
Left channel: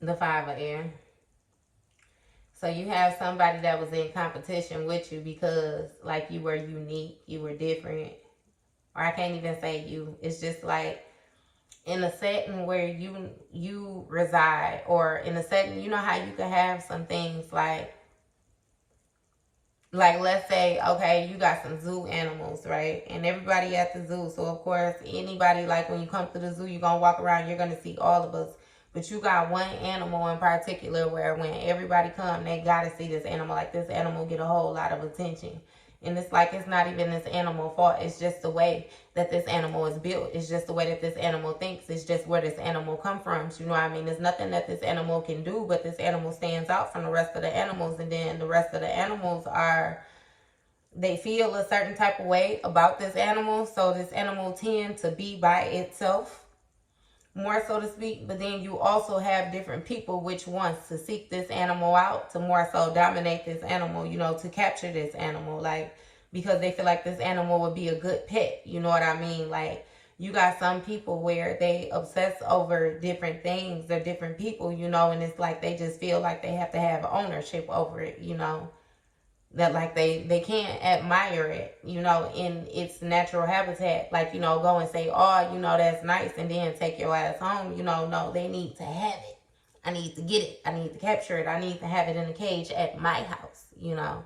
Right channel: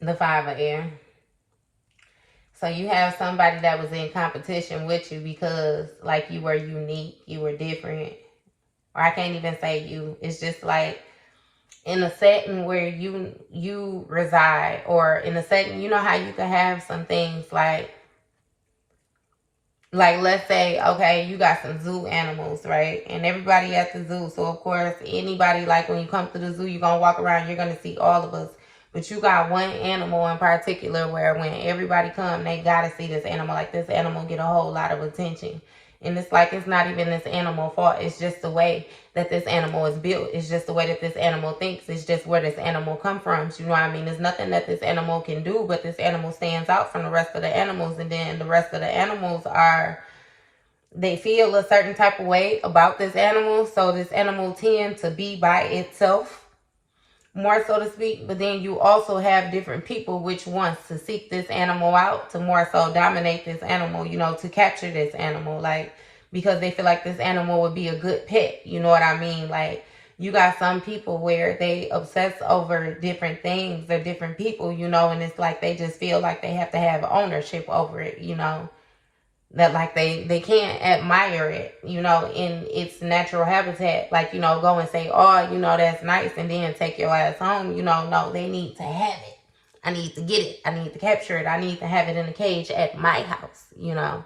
The Five of Air. So you have somebody that was in competition with you because, like, you were unique, you were different. Or I can't even say you. It's just like in a setting where you reside, or in a setting, you know how you can have some things like let's say, okay, you got some zoo animals, right? And everybody at the zoo. So of course, anybody, like when you come to the zoo, you're going to walk around, you're going to see all of us. But you got one animal in particular where when everybody come, they got to see this animal. Like, this animal get a whole lot of attention. And it's like, it's not even this animal's fault. It's just the way that this animal is built. It's just the way that this animal thinks. It's just where this animal come from. You know what I mean? There's nothing that this animal can do, but this animal stands out from the rest of the animals. And then the rest of the animals they feel a certain type of way about this animal. So this animal tends to be by itself, more so to speak. But then you also have different people which wants to seek this animal out to more so dominate this animal, you know, to capture this animal, like, because they feel like this animal would be a good pet. You know what I mean? Like, you got some people where they obsess over different things or different people, you know, and it's like they just feel like they have to have ownership over it, you know. That, like, they can't admire it, you know, in its natural habitat. Like, you know, go and say, oh, you know, that's nice, and then take your ass home. You know, no, they need to have it. I need to get it. I need to capture it. I need to have it in a cage at my house, you know.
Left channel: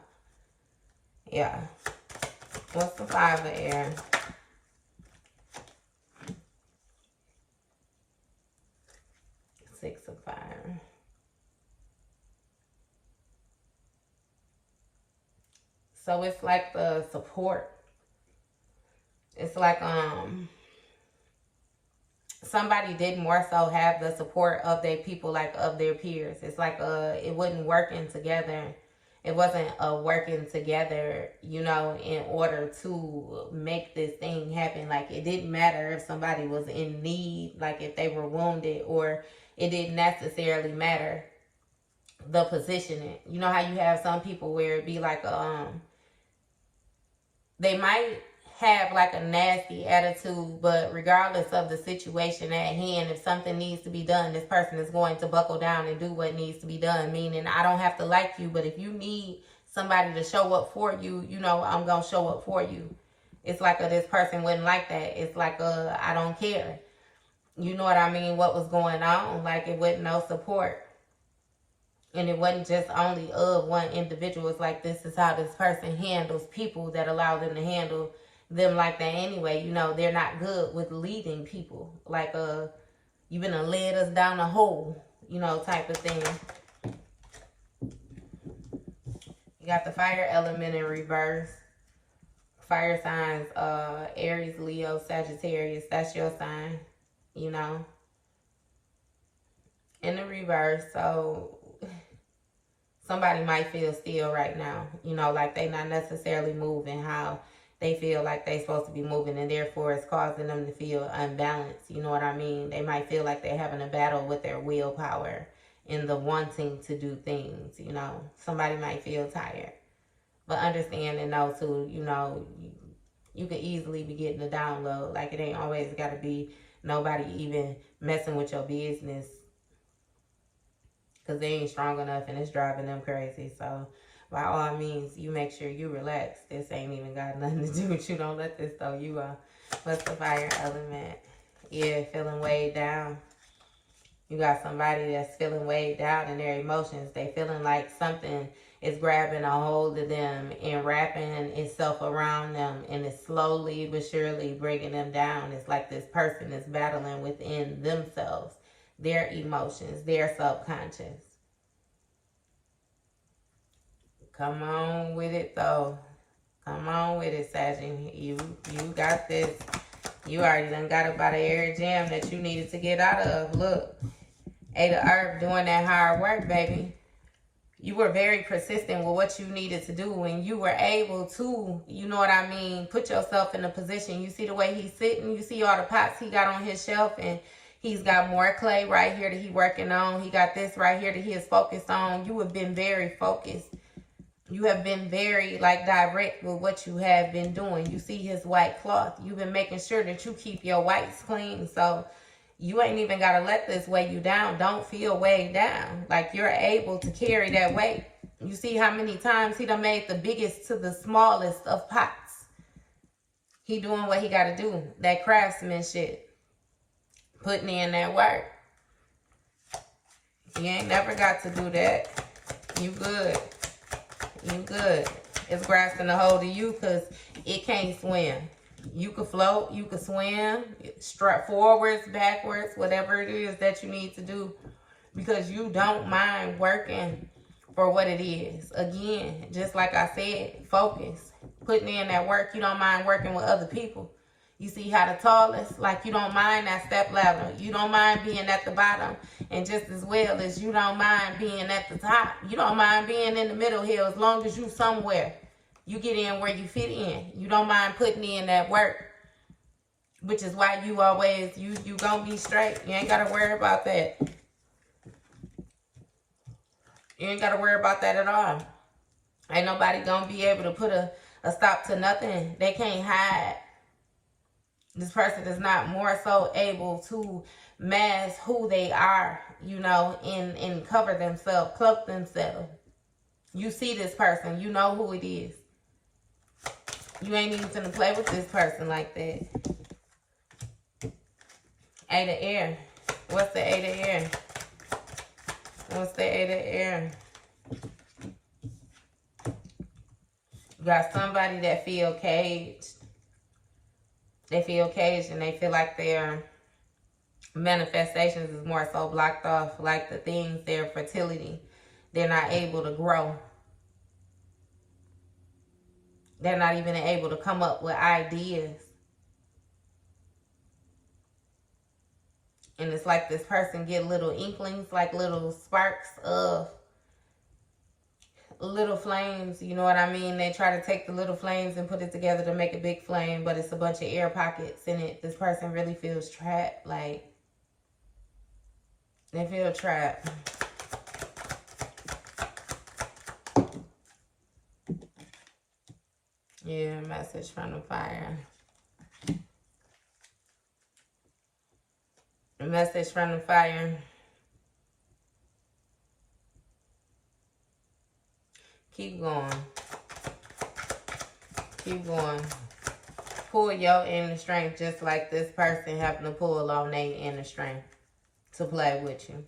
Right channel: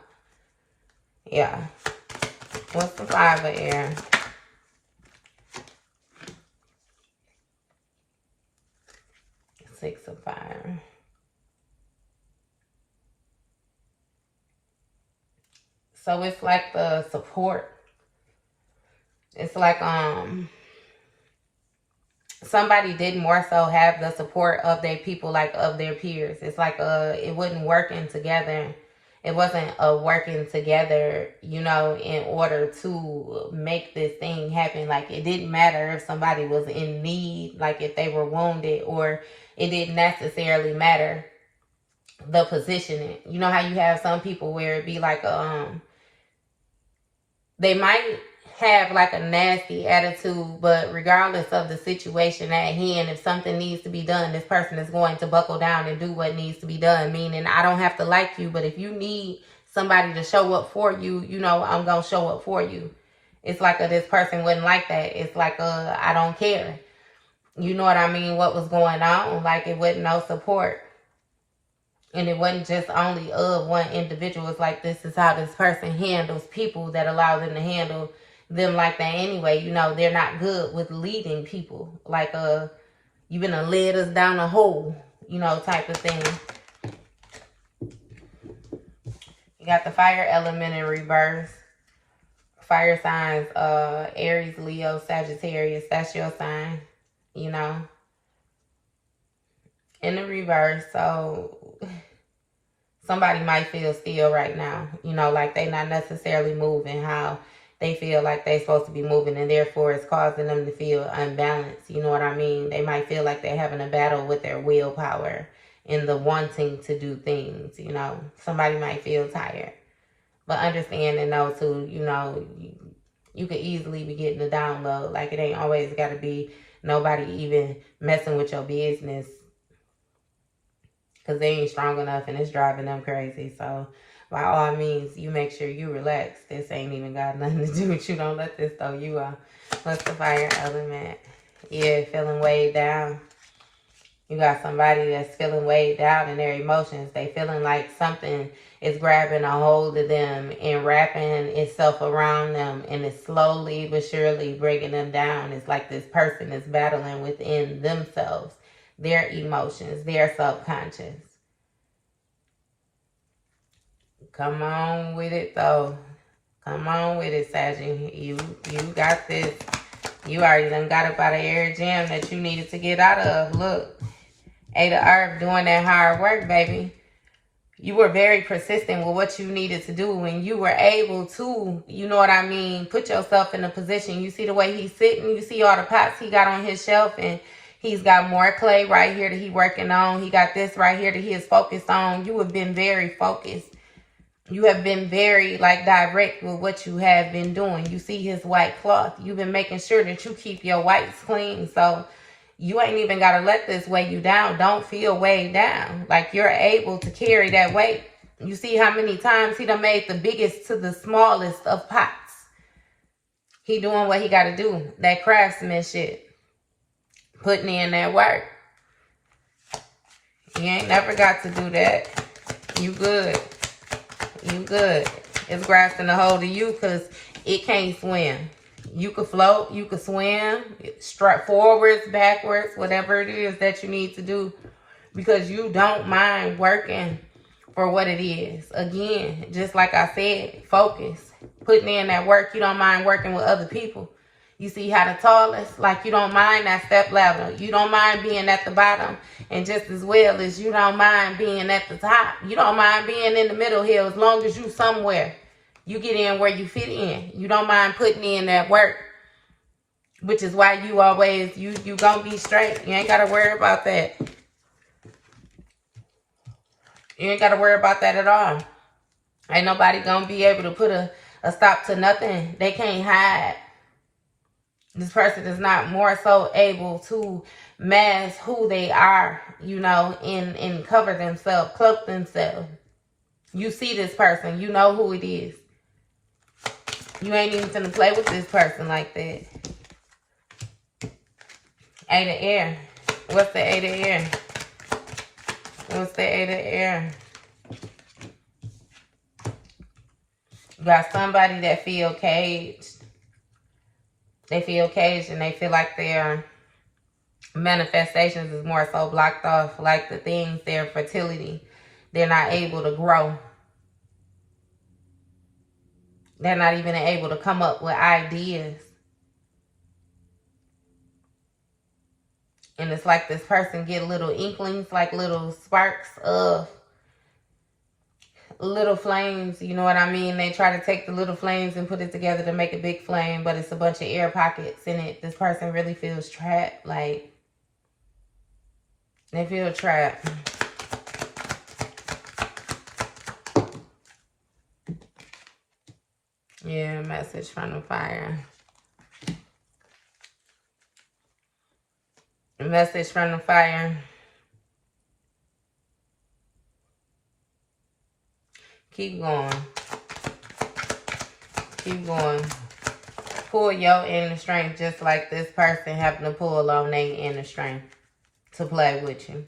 Yeah. What's the Five of Air? Six of Fire. So it's like the support. It's like somebody did more so have the support of their people, like of their peers. It's like it wasn't working together. It wasn't a working together, you know, in order to make this thing happen. Like, it didn't matter if somebody was in need, like if they were wounded, or it didn't necessarily matter the positioning. You know how you have some people where it be like they might have like a nasty attitude, but regardless of the situation at hand, if something needs to be done, this person is going to buckle down and do what needs to be done. Meaning, I don't have to like you, but if you need somebody to show up for you, you know, I'm going to show up for you. It's like this person wouldn't like that. It's like I don't care. You know what I mean? What was going on? Like, it wasn't no support. And it wasn't just only of one individual. It's like, this is how this person handles people that allow them to handle them like that anyway. You know, they're not good with leading people. Like, you been led us down a hole, you know, type of thing. You got the fire element in reverse. Fire signs, Aries, Leo, Sagittarius. That's your sign, you know. In the reverse, so somebody might feel still right now, you know, like they not necessarily moving how they feel like they supposed to be moving, and therefore it's causing them to feel unbalanced. You know what I mean? They might feel like they're having a battle with their willpower and the wanting to do things, you know. Somebody might feel tired. But understand and know too, you know, you could easily be getting the download. Like, it ain't always got to be nobody even messing with your business, because they ain't strong enough and it's driving them crazy. So by all means, you make sure you relax. This ain't even got nothing to do with you. Don't let this throw you off. What's the fire element? Yeah, feeling weighed down. You got somebody that's feeling weighed down in their emotions. They feeling like something is grabbing a hold of them and wrapping itself around them, and it's slowly but surely bringing them down. It's like this person is battling within themselves, their emotions, their subconscious. Come on with it, though. Come on with it, Sagittarius. You got this. You already done got up out of every jam that you needed to get out of. Look, Eight of Earth doing that hard work, baby. You were very persistent with what you needed to do, and you were able to, you know what I mean, put yourself in a position. You see the way he's sitting, you see all the pots he got on his shelf, and he's got more clay right here that he's working on. He got this right here that he is focused on. You have been very focused. You have been very, like, direct with what you have been doing. You see his white cloth. You've been making sure that you keep your whites clean, so you ain't even got to let this weigh you down. Don't feel weighed down. Like, you're able to carry that weight. You see how many times he done made the biggest to the smallest of pots. He doing what he got to do. That craftsmanship. Putting in that work. You ain't never got to do that. You good. You good. It's grasping a hold of you because it can't swim. You could float, you could swim, strut forwards, backwards, whatever it is that you need to do, because you don't mind working for what it is. Again, just like I said, focus. Putting in that work. You don't mind working with other people. You see how the tallest, like, you don't mind that step ladder. You don't mind being at the bottom. And just as well as you don't mind being at the top. You don't mind being in the middle here as long as you somewhere. You get in where you fit in. You don't mind putting in that work. Which is why you always, you gonna be straight. You ain't gotta worry about that. You ain't gotta worry about that at all. Ain't nobody gonna be able to put a stop to nothing. They can't hide. This person is not more so able to mask who they are, you know, and cover themselves, cloak themselves. You see this person. You know who it is. You ain't even finna play with this person like that. Eight of Air. What's the Eight of Air? What's the Eight of Air? You got somebody that feel caged. They feel caged and they feel like their manifestations is more so blocked off. Like the things, their fertility, they're not able to grow. They're not even able to come up with ideas. And it's like this person get little inklings, like little sparks of little flames. You know what I mean? They try to take the little flames and put it together to make a big flame, but it's a bunch of air pockets in it. This person really feels trapped. Like, they feel trapped. Yeah, message from the fire. A message from the fire. Keep going. Keep going. Pull your inner strength just like this person having to pull on their inner strength to play with you.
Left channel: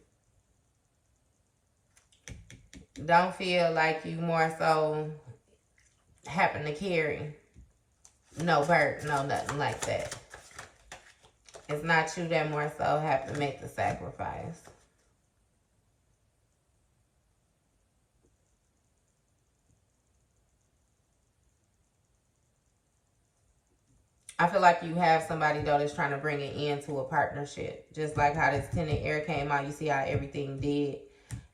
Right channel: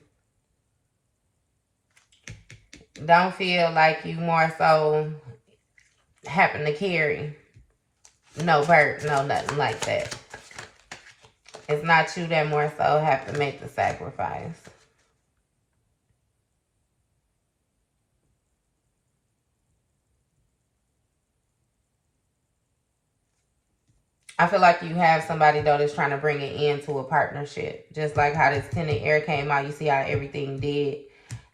Don't feel like you more so happen to carry no burden, no nothing like that. It's not you that more so have to make the sacrifice. I feel like you have somebody, though, that's trying to bring it into a partnership. Just like how this Ten of Air came out. You see how everything did.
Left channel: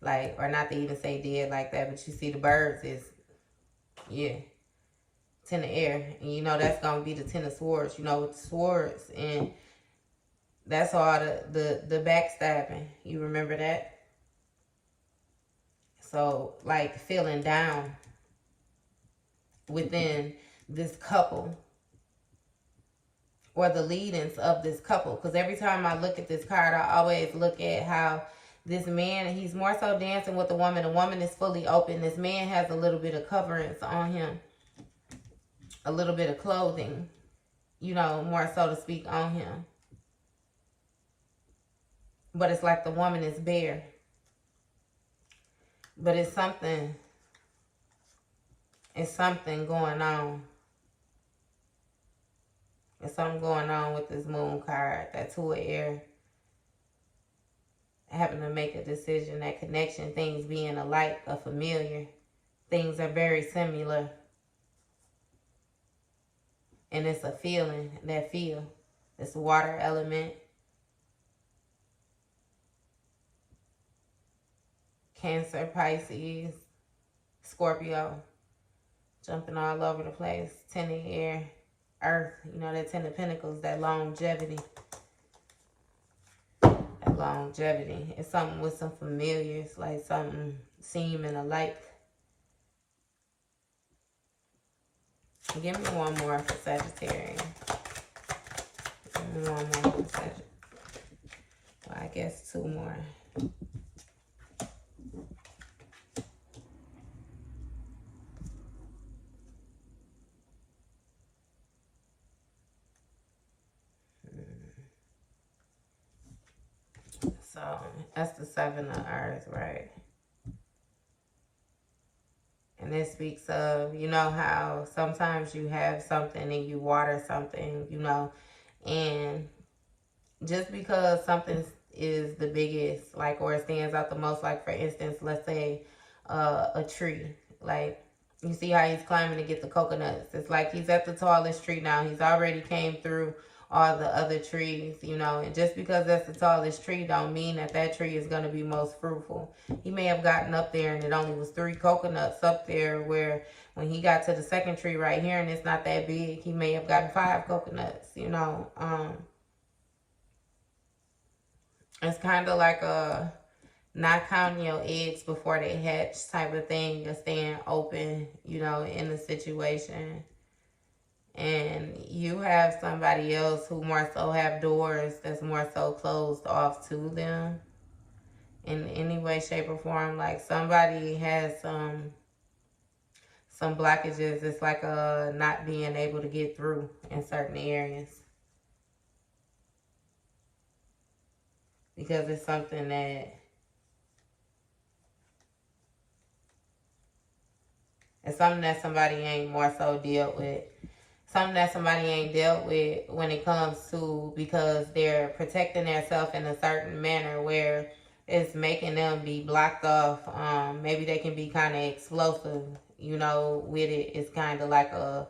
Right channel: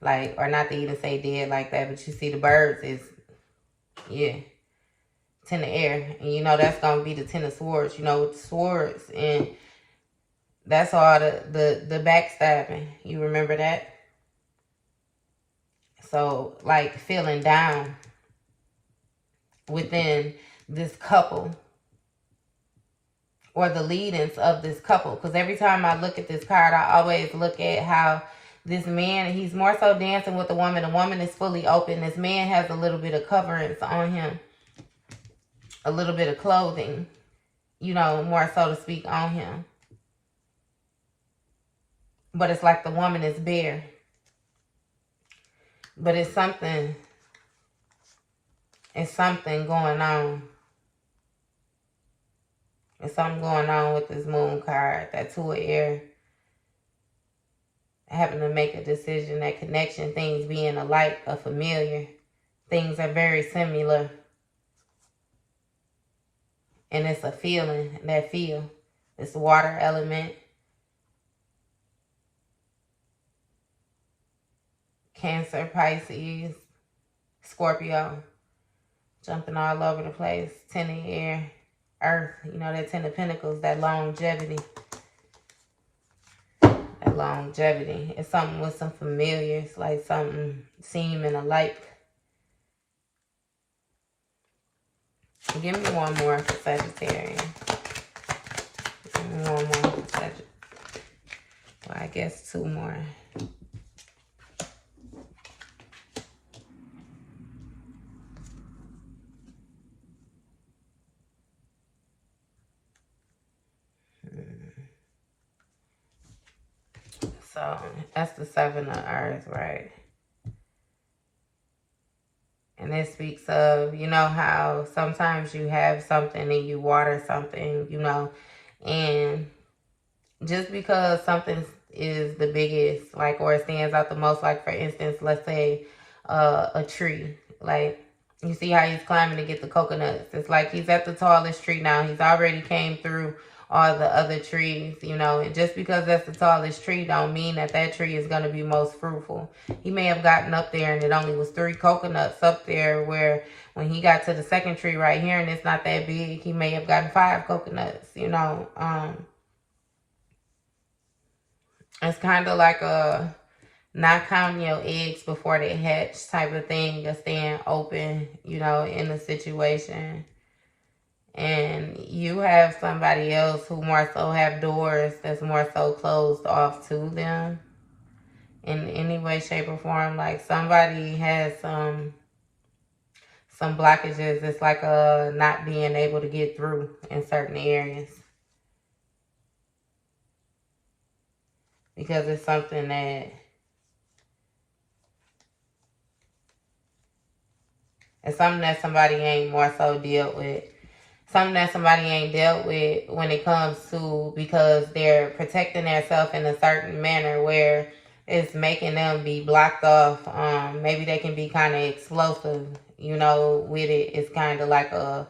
Like, or not to even say dead like that, but you see the birds is, yeah, Ten of Air. And you know that's going to be the Ten of Swords, you know, with the swords. And that's all the backstabbing. You remember that? So, like, feeling down within this couple. Or the lead-ins of this couple. Because every time I look at this card, I always look at how this man, he's more so dancing with the woman. The woman is fully open. This man has a little bit of coverings on him. A little bit of clothing. You know, more so to speak, on him. But it's like the woman is bare. But it's something going on. There's something going on with this moon card. That Two of Air. Having to make a decision, that connection, things being alike, a familiar. things are very similar. And it's a feeling, that feel. It's water element. Cancer, Pisces, Scorpio. Jumping all over the place. 10 of air, Earth. You know, that 10 of Pentacles, that longevity. That longevity. It's something with some familiars, like something seeming alike. Give me one more for Sagittarius. Give me one more for Sagittarius. Well, I guess two more. So that's the 7 of Earth, right? And it speaks of, you know, how sometimes you have something and you water something, you know, and just because something is the biggest, like, or it stands out the most, like, for instance, let's say a tree, like, you see how he's climbing to get the coconuts. It's like he's at the tallest tree now. He's already came through all the other trees, you know, and just because that's the tallest tree don't mean that that tree is going to be most fruitful. He may have gotten up there and it only was 3 coconuts up there, where when he got to the second tree right here and it's not that big, he may have gotten 5 coconuts, you know. It's kind of like a not counting your eggs before they hatch type of thing. You're staying open, you know, in the situation. And you have somebody else who more so have doors that's more so closed off to them in any way, shape, or form. Like somebody has some blockages. It's like not being able to get through in certain areas. Because it's something that somebody ain't more so dealt with. Something that somebody ain't dealt with when it comes to, because they're protecting themselves in a certain manner where it's making them be blocked off. Maybe they can be kind of explosive, you know, with it. It's kind of like a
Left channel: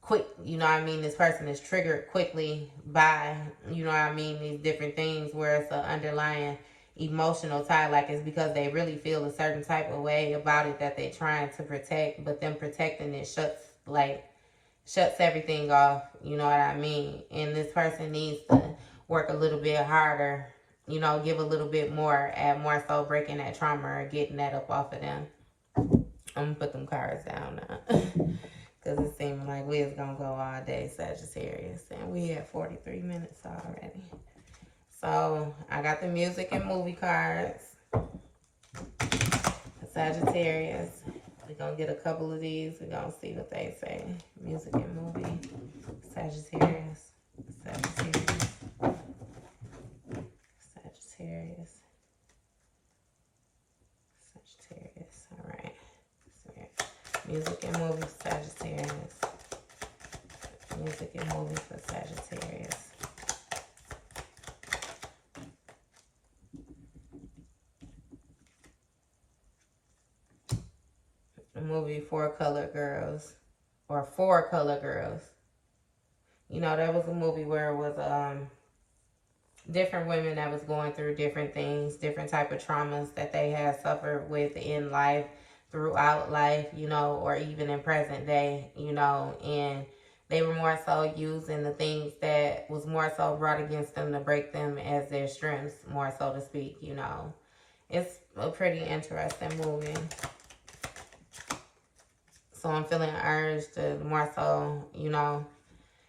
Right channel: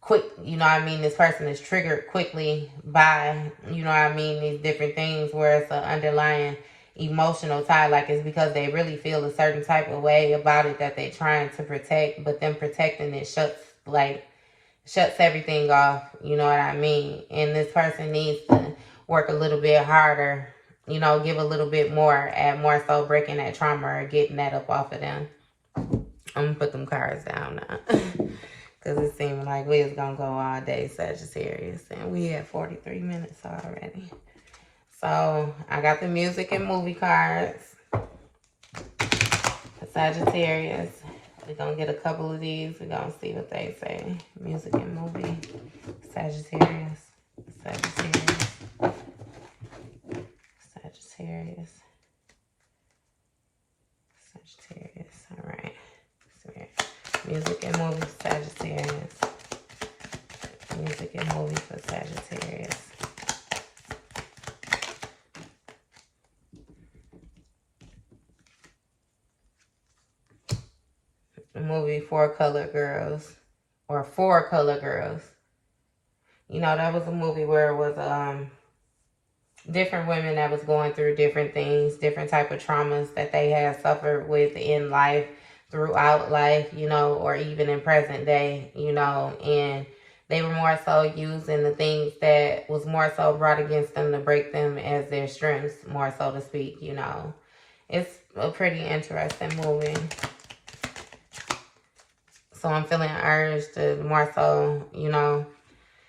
quick, you know what I mean? This person is triggered quickly by, you know what I mean, these different things where it's an underlying emotional tie. Like it's because they really feel a certain type of way about it that they're trying to protect, but them protecting it shuts everything off, you know what I mean? And this person needs to work a little bit harder, you know, give a little bit more, and more so breaking that trauma or getting that up off of them. I'm gonna put them cards down now. Because it seemed like we was gonna go all day, Sagittarius. And we had 43 minutes already. So I got the music and movie cards for Sagittarius. We're going to get a couple of these. We're going to see what they say. Music and movie. Sagittarius. Sagittarius. Sagittarius. Sagittarius. All right. Music and movie for Sagittarius. Music and movie for Sagittarius. Movie Four Color Girls, or Four Color Girls. You know, that was a movie where it was different women that was going through different things, different type of traumas that they had suffered with in life, throughout life, you know, or even in present day, you know, and they were more so using the things that was more so brought against them to break them as their strengths, more so to speak, you know. It's a pretty interesting movie. So I'm feeling urged to more so, you know,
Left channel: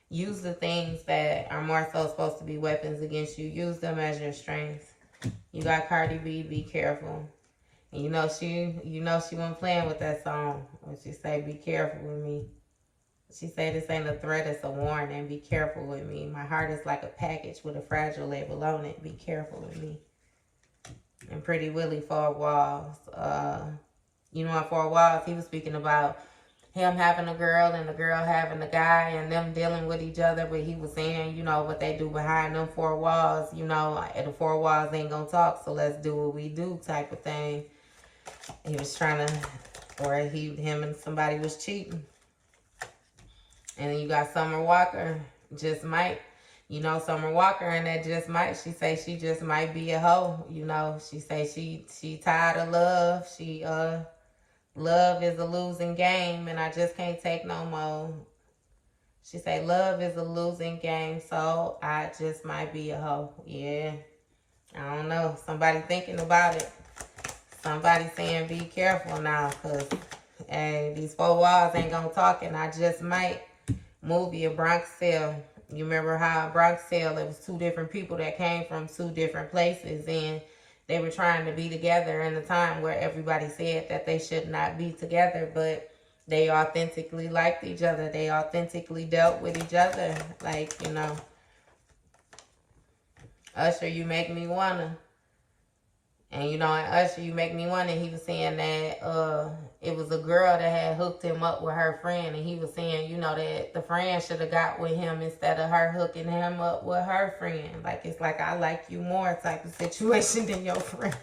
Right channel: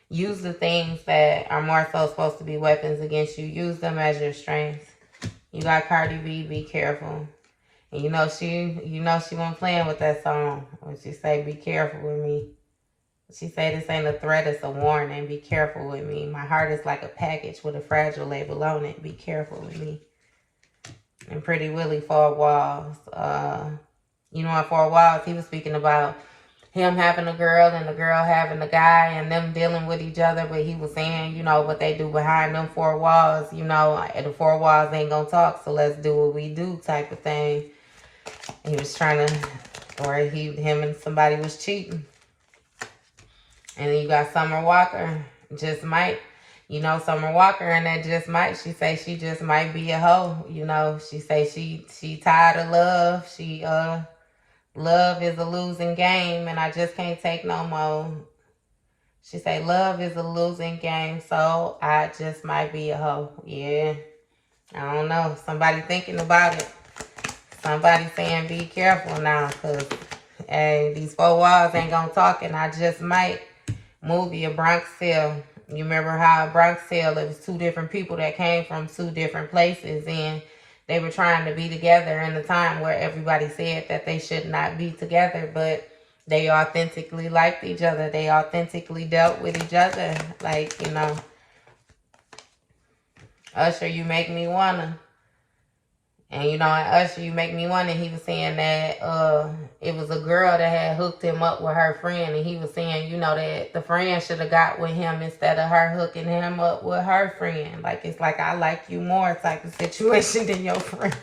use the things that are more so supposed to be weapons against you. Use them as your strengths. You got Cardi B, be careful. And you know she wasn't playing with that song. When she say, be careful with me. She said, this ain't a threat, it's a warning. Be careful with me. My heart is like a package with a fragile label on it. Be careful with me. And Pretty Willie, Four Walls. You know, in Four Walls, he was speaking about him having a girl and the girl having a guy and them dealing with each other. But he was saying, you know, what they do behind them 4 walls, you know, the 4 walls ain't gonna talk, so let's do what we do type of thing. He was trying to or him and somebody was cheating. And then you got Summer Walker, just might. You know, Summer Walker and that just might. She say she just might be a hoe. You know, she say she tired of love. Love is a losing game, and I just can't take no more. She say love is a losing game, so I just might be a hoe. Yeah, I don't know. Somebody thinking about it. Somebody saying be careful now, because hey, these four walls ain't gonna talk, and I just might. Movie, A Bronx Tale. You remember how a Bronx Tale, it was two different people that came from two different places, and they were trying to be together in a time where everybody said that they should not be together, but they authentically liked each other. They authentically dealt with each other. Like, you know, Usher, you make me wanna. And, you know, in Usher, you make me wonder, he was saying that it was a girl that had hooked him up with her friend. And he was saying, you know, that the friend should have got with him instead of her hooking him up with her friend. Like, it's like, I like you more type of situation than your friend.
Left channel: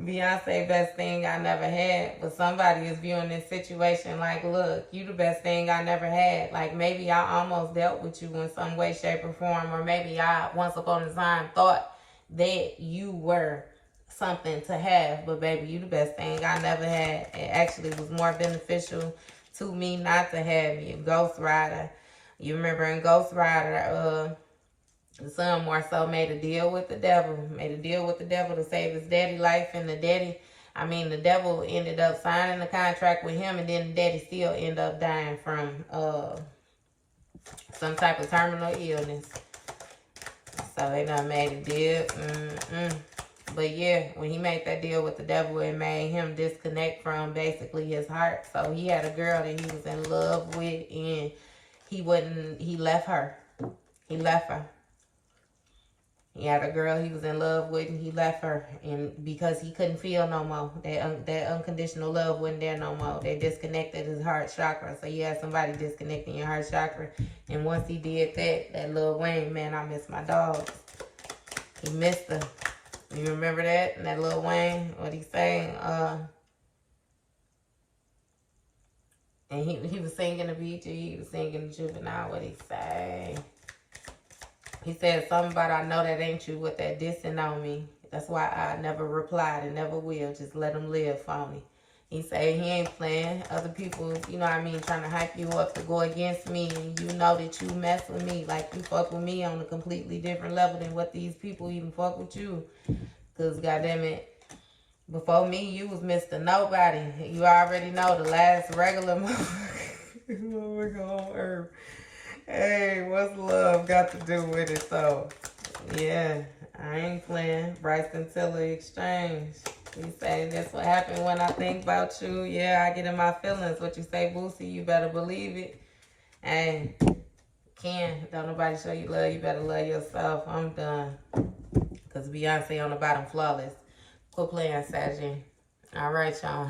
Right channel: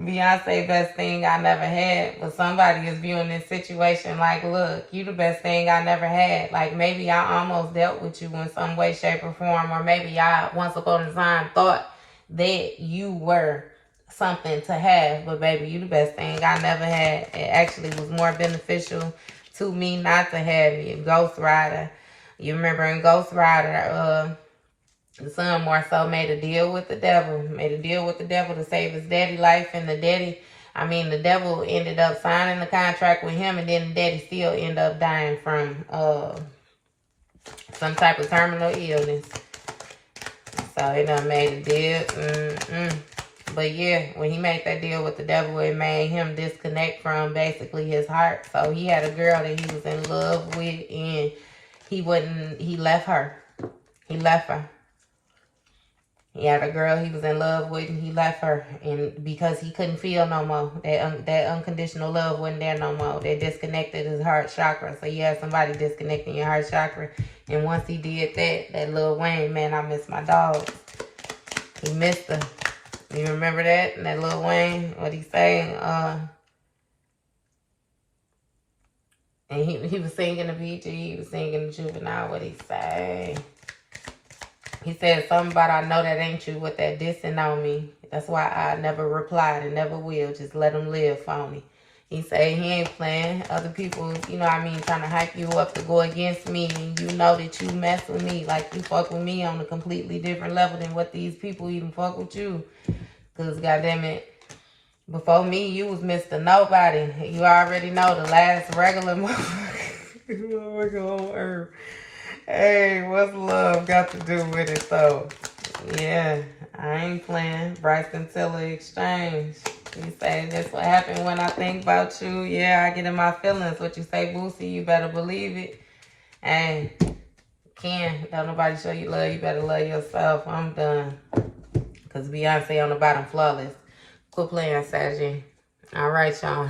Beyonce, best thing I never had. But somebody is viewing this situation like, look, you the best thing I never had. Like, maybe I almost dealt with you in some way, shape, or form. Or maybe I, once upon a time, thought that you were something to have. But baby, you the best thing I never had. It actually was more beneficial to me not to have you. Ghost Rider. You remember in Ghost Rider, the son more so made a deal with the devil. Made a deal with the devil to save his daddy life. And the devil ended up signing the contract with him. And then the daddy still ended up dying from some type of terminal illness. So it done made a deal. But yeah, when he made that deal with the devil, it made him disconnect from basically his heart. So he had a girl that he was in love with. And he left her. He left her. He had a girl he was in love with, and he left her, and because he couldn't feel no more. That unconditional love wasn't there no more. They disconnected his heart chakra. So you had somebody disconnecting your heart chakra, and once he did that Lil Wayne, man, I miss my dogs. He missed her. You remember that? And that Lil Wayne, what he saying? And he was singing the BG, he was singing the Juvenile. What he say? He said something about, I know that ain't you with that dissing on me. That's why I never replied and never will. Just let him live, phony. He said he ain't playing. Other people, you know what I mean, trying to hype you up to go against me. And you know that you mess with me. Like you fuck with me on a completely different level than what these people even fuck with you. Because, goddamn it, before me, you was Mr. Nobody. You already know the last regular motherfucker on earth. Hey, what's love got to do with it, though? Yeah, I ain't playing. Bryson Tiller Exchange. You say that's what happened when I think about you. Yeah, I get in my feelings. What you say, Boosie, you better believe it. Hey, Ken, don't nobody show you love. You better love yourself. I'm done. Because Beyonce on the bottom flawless. Quit playing, Sagittarius. All right, y'all.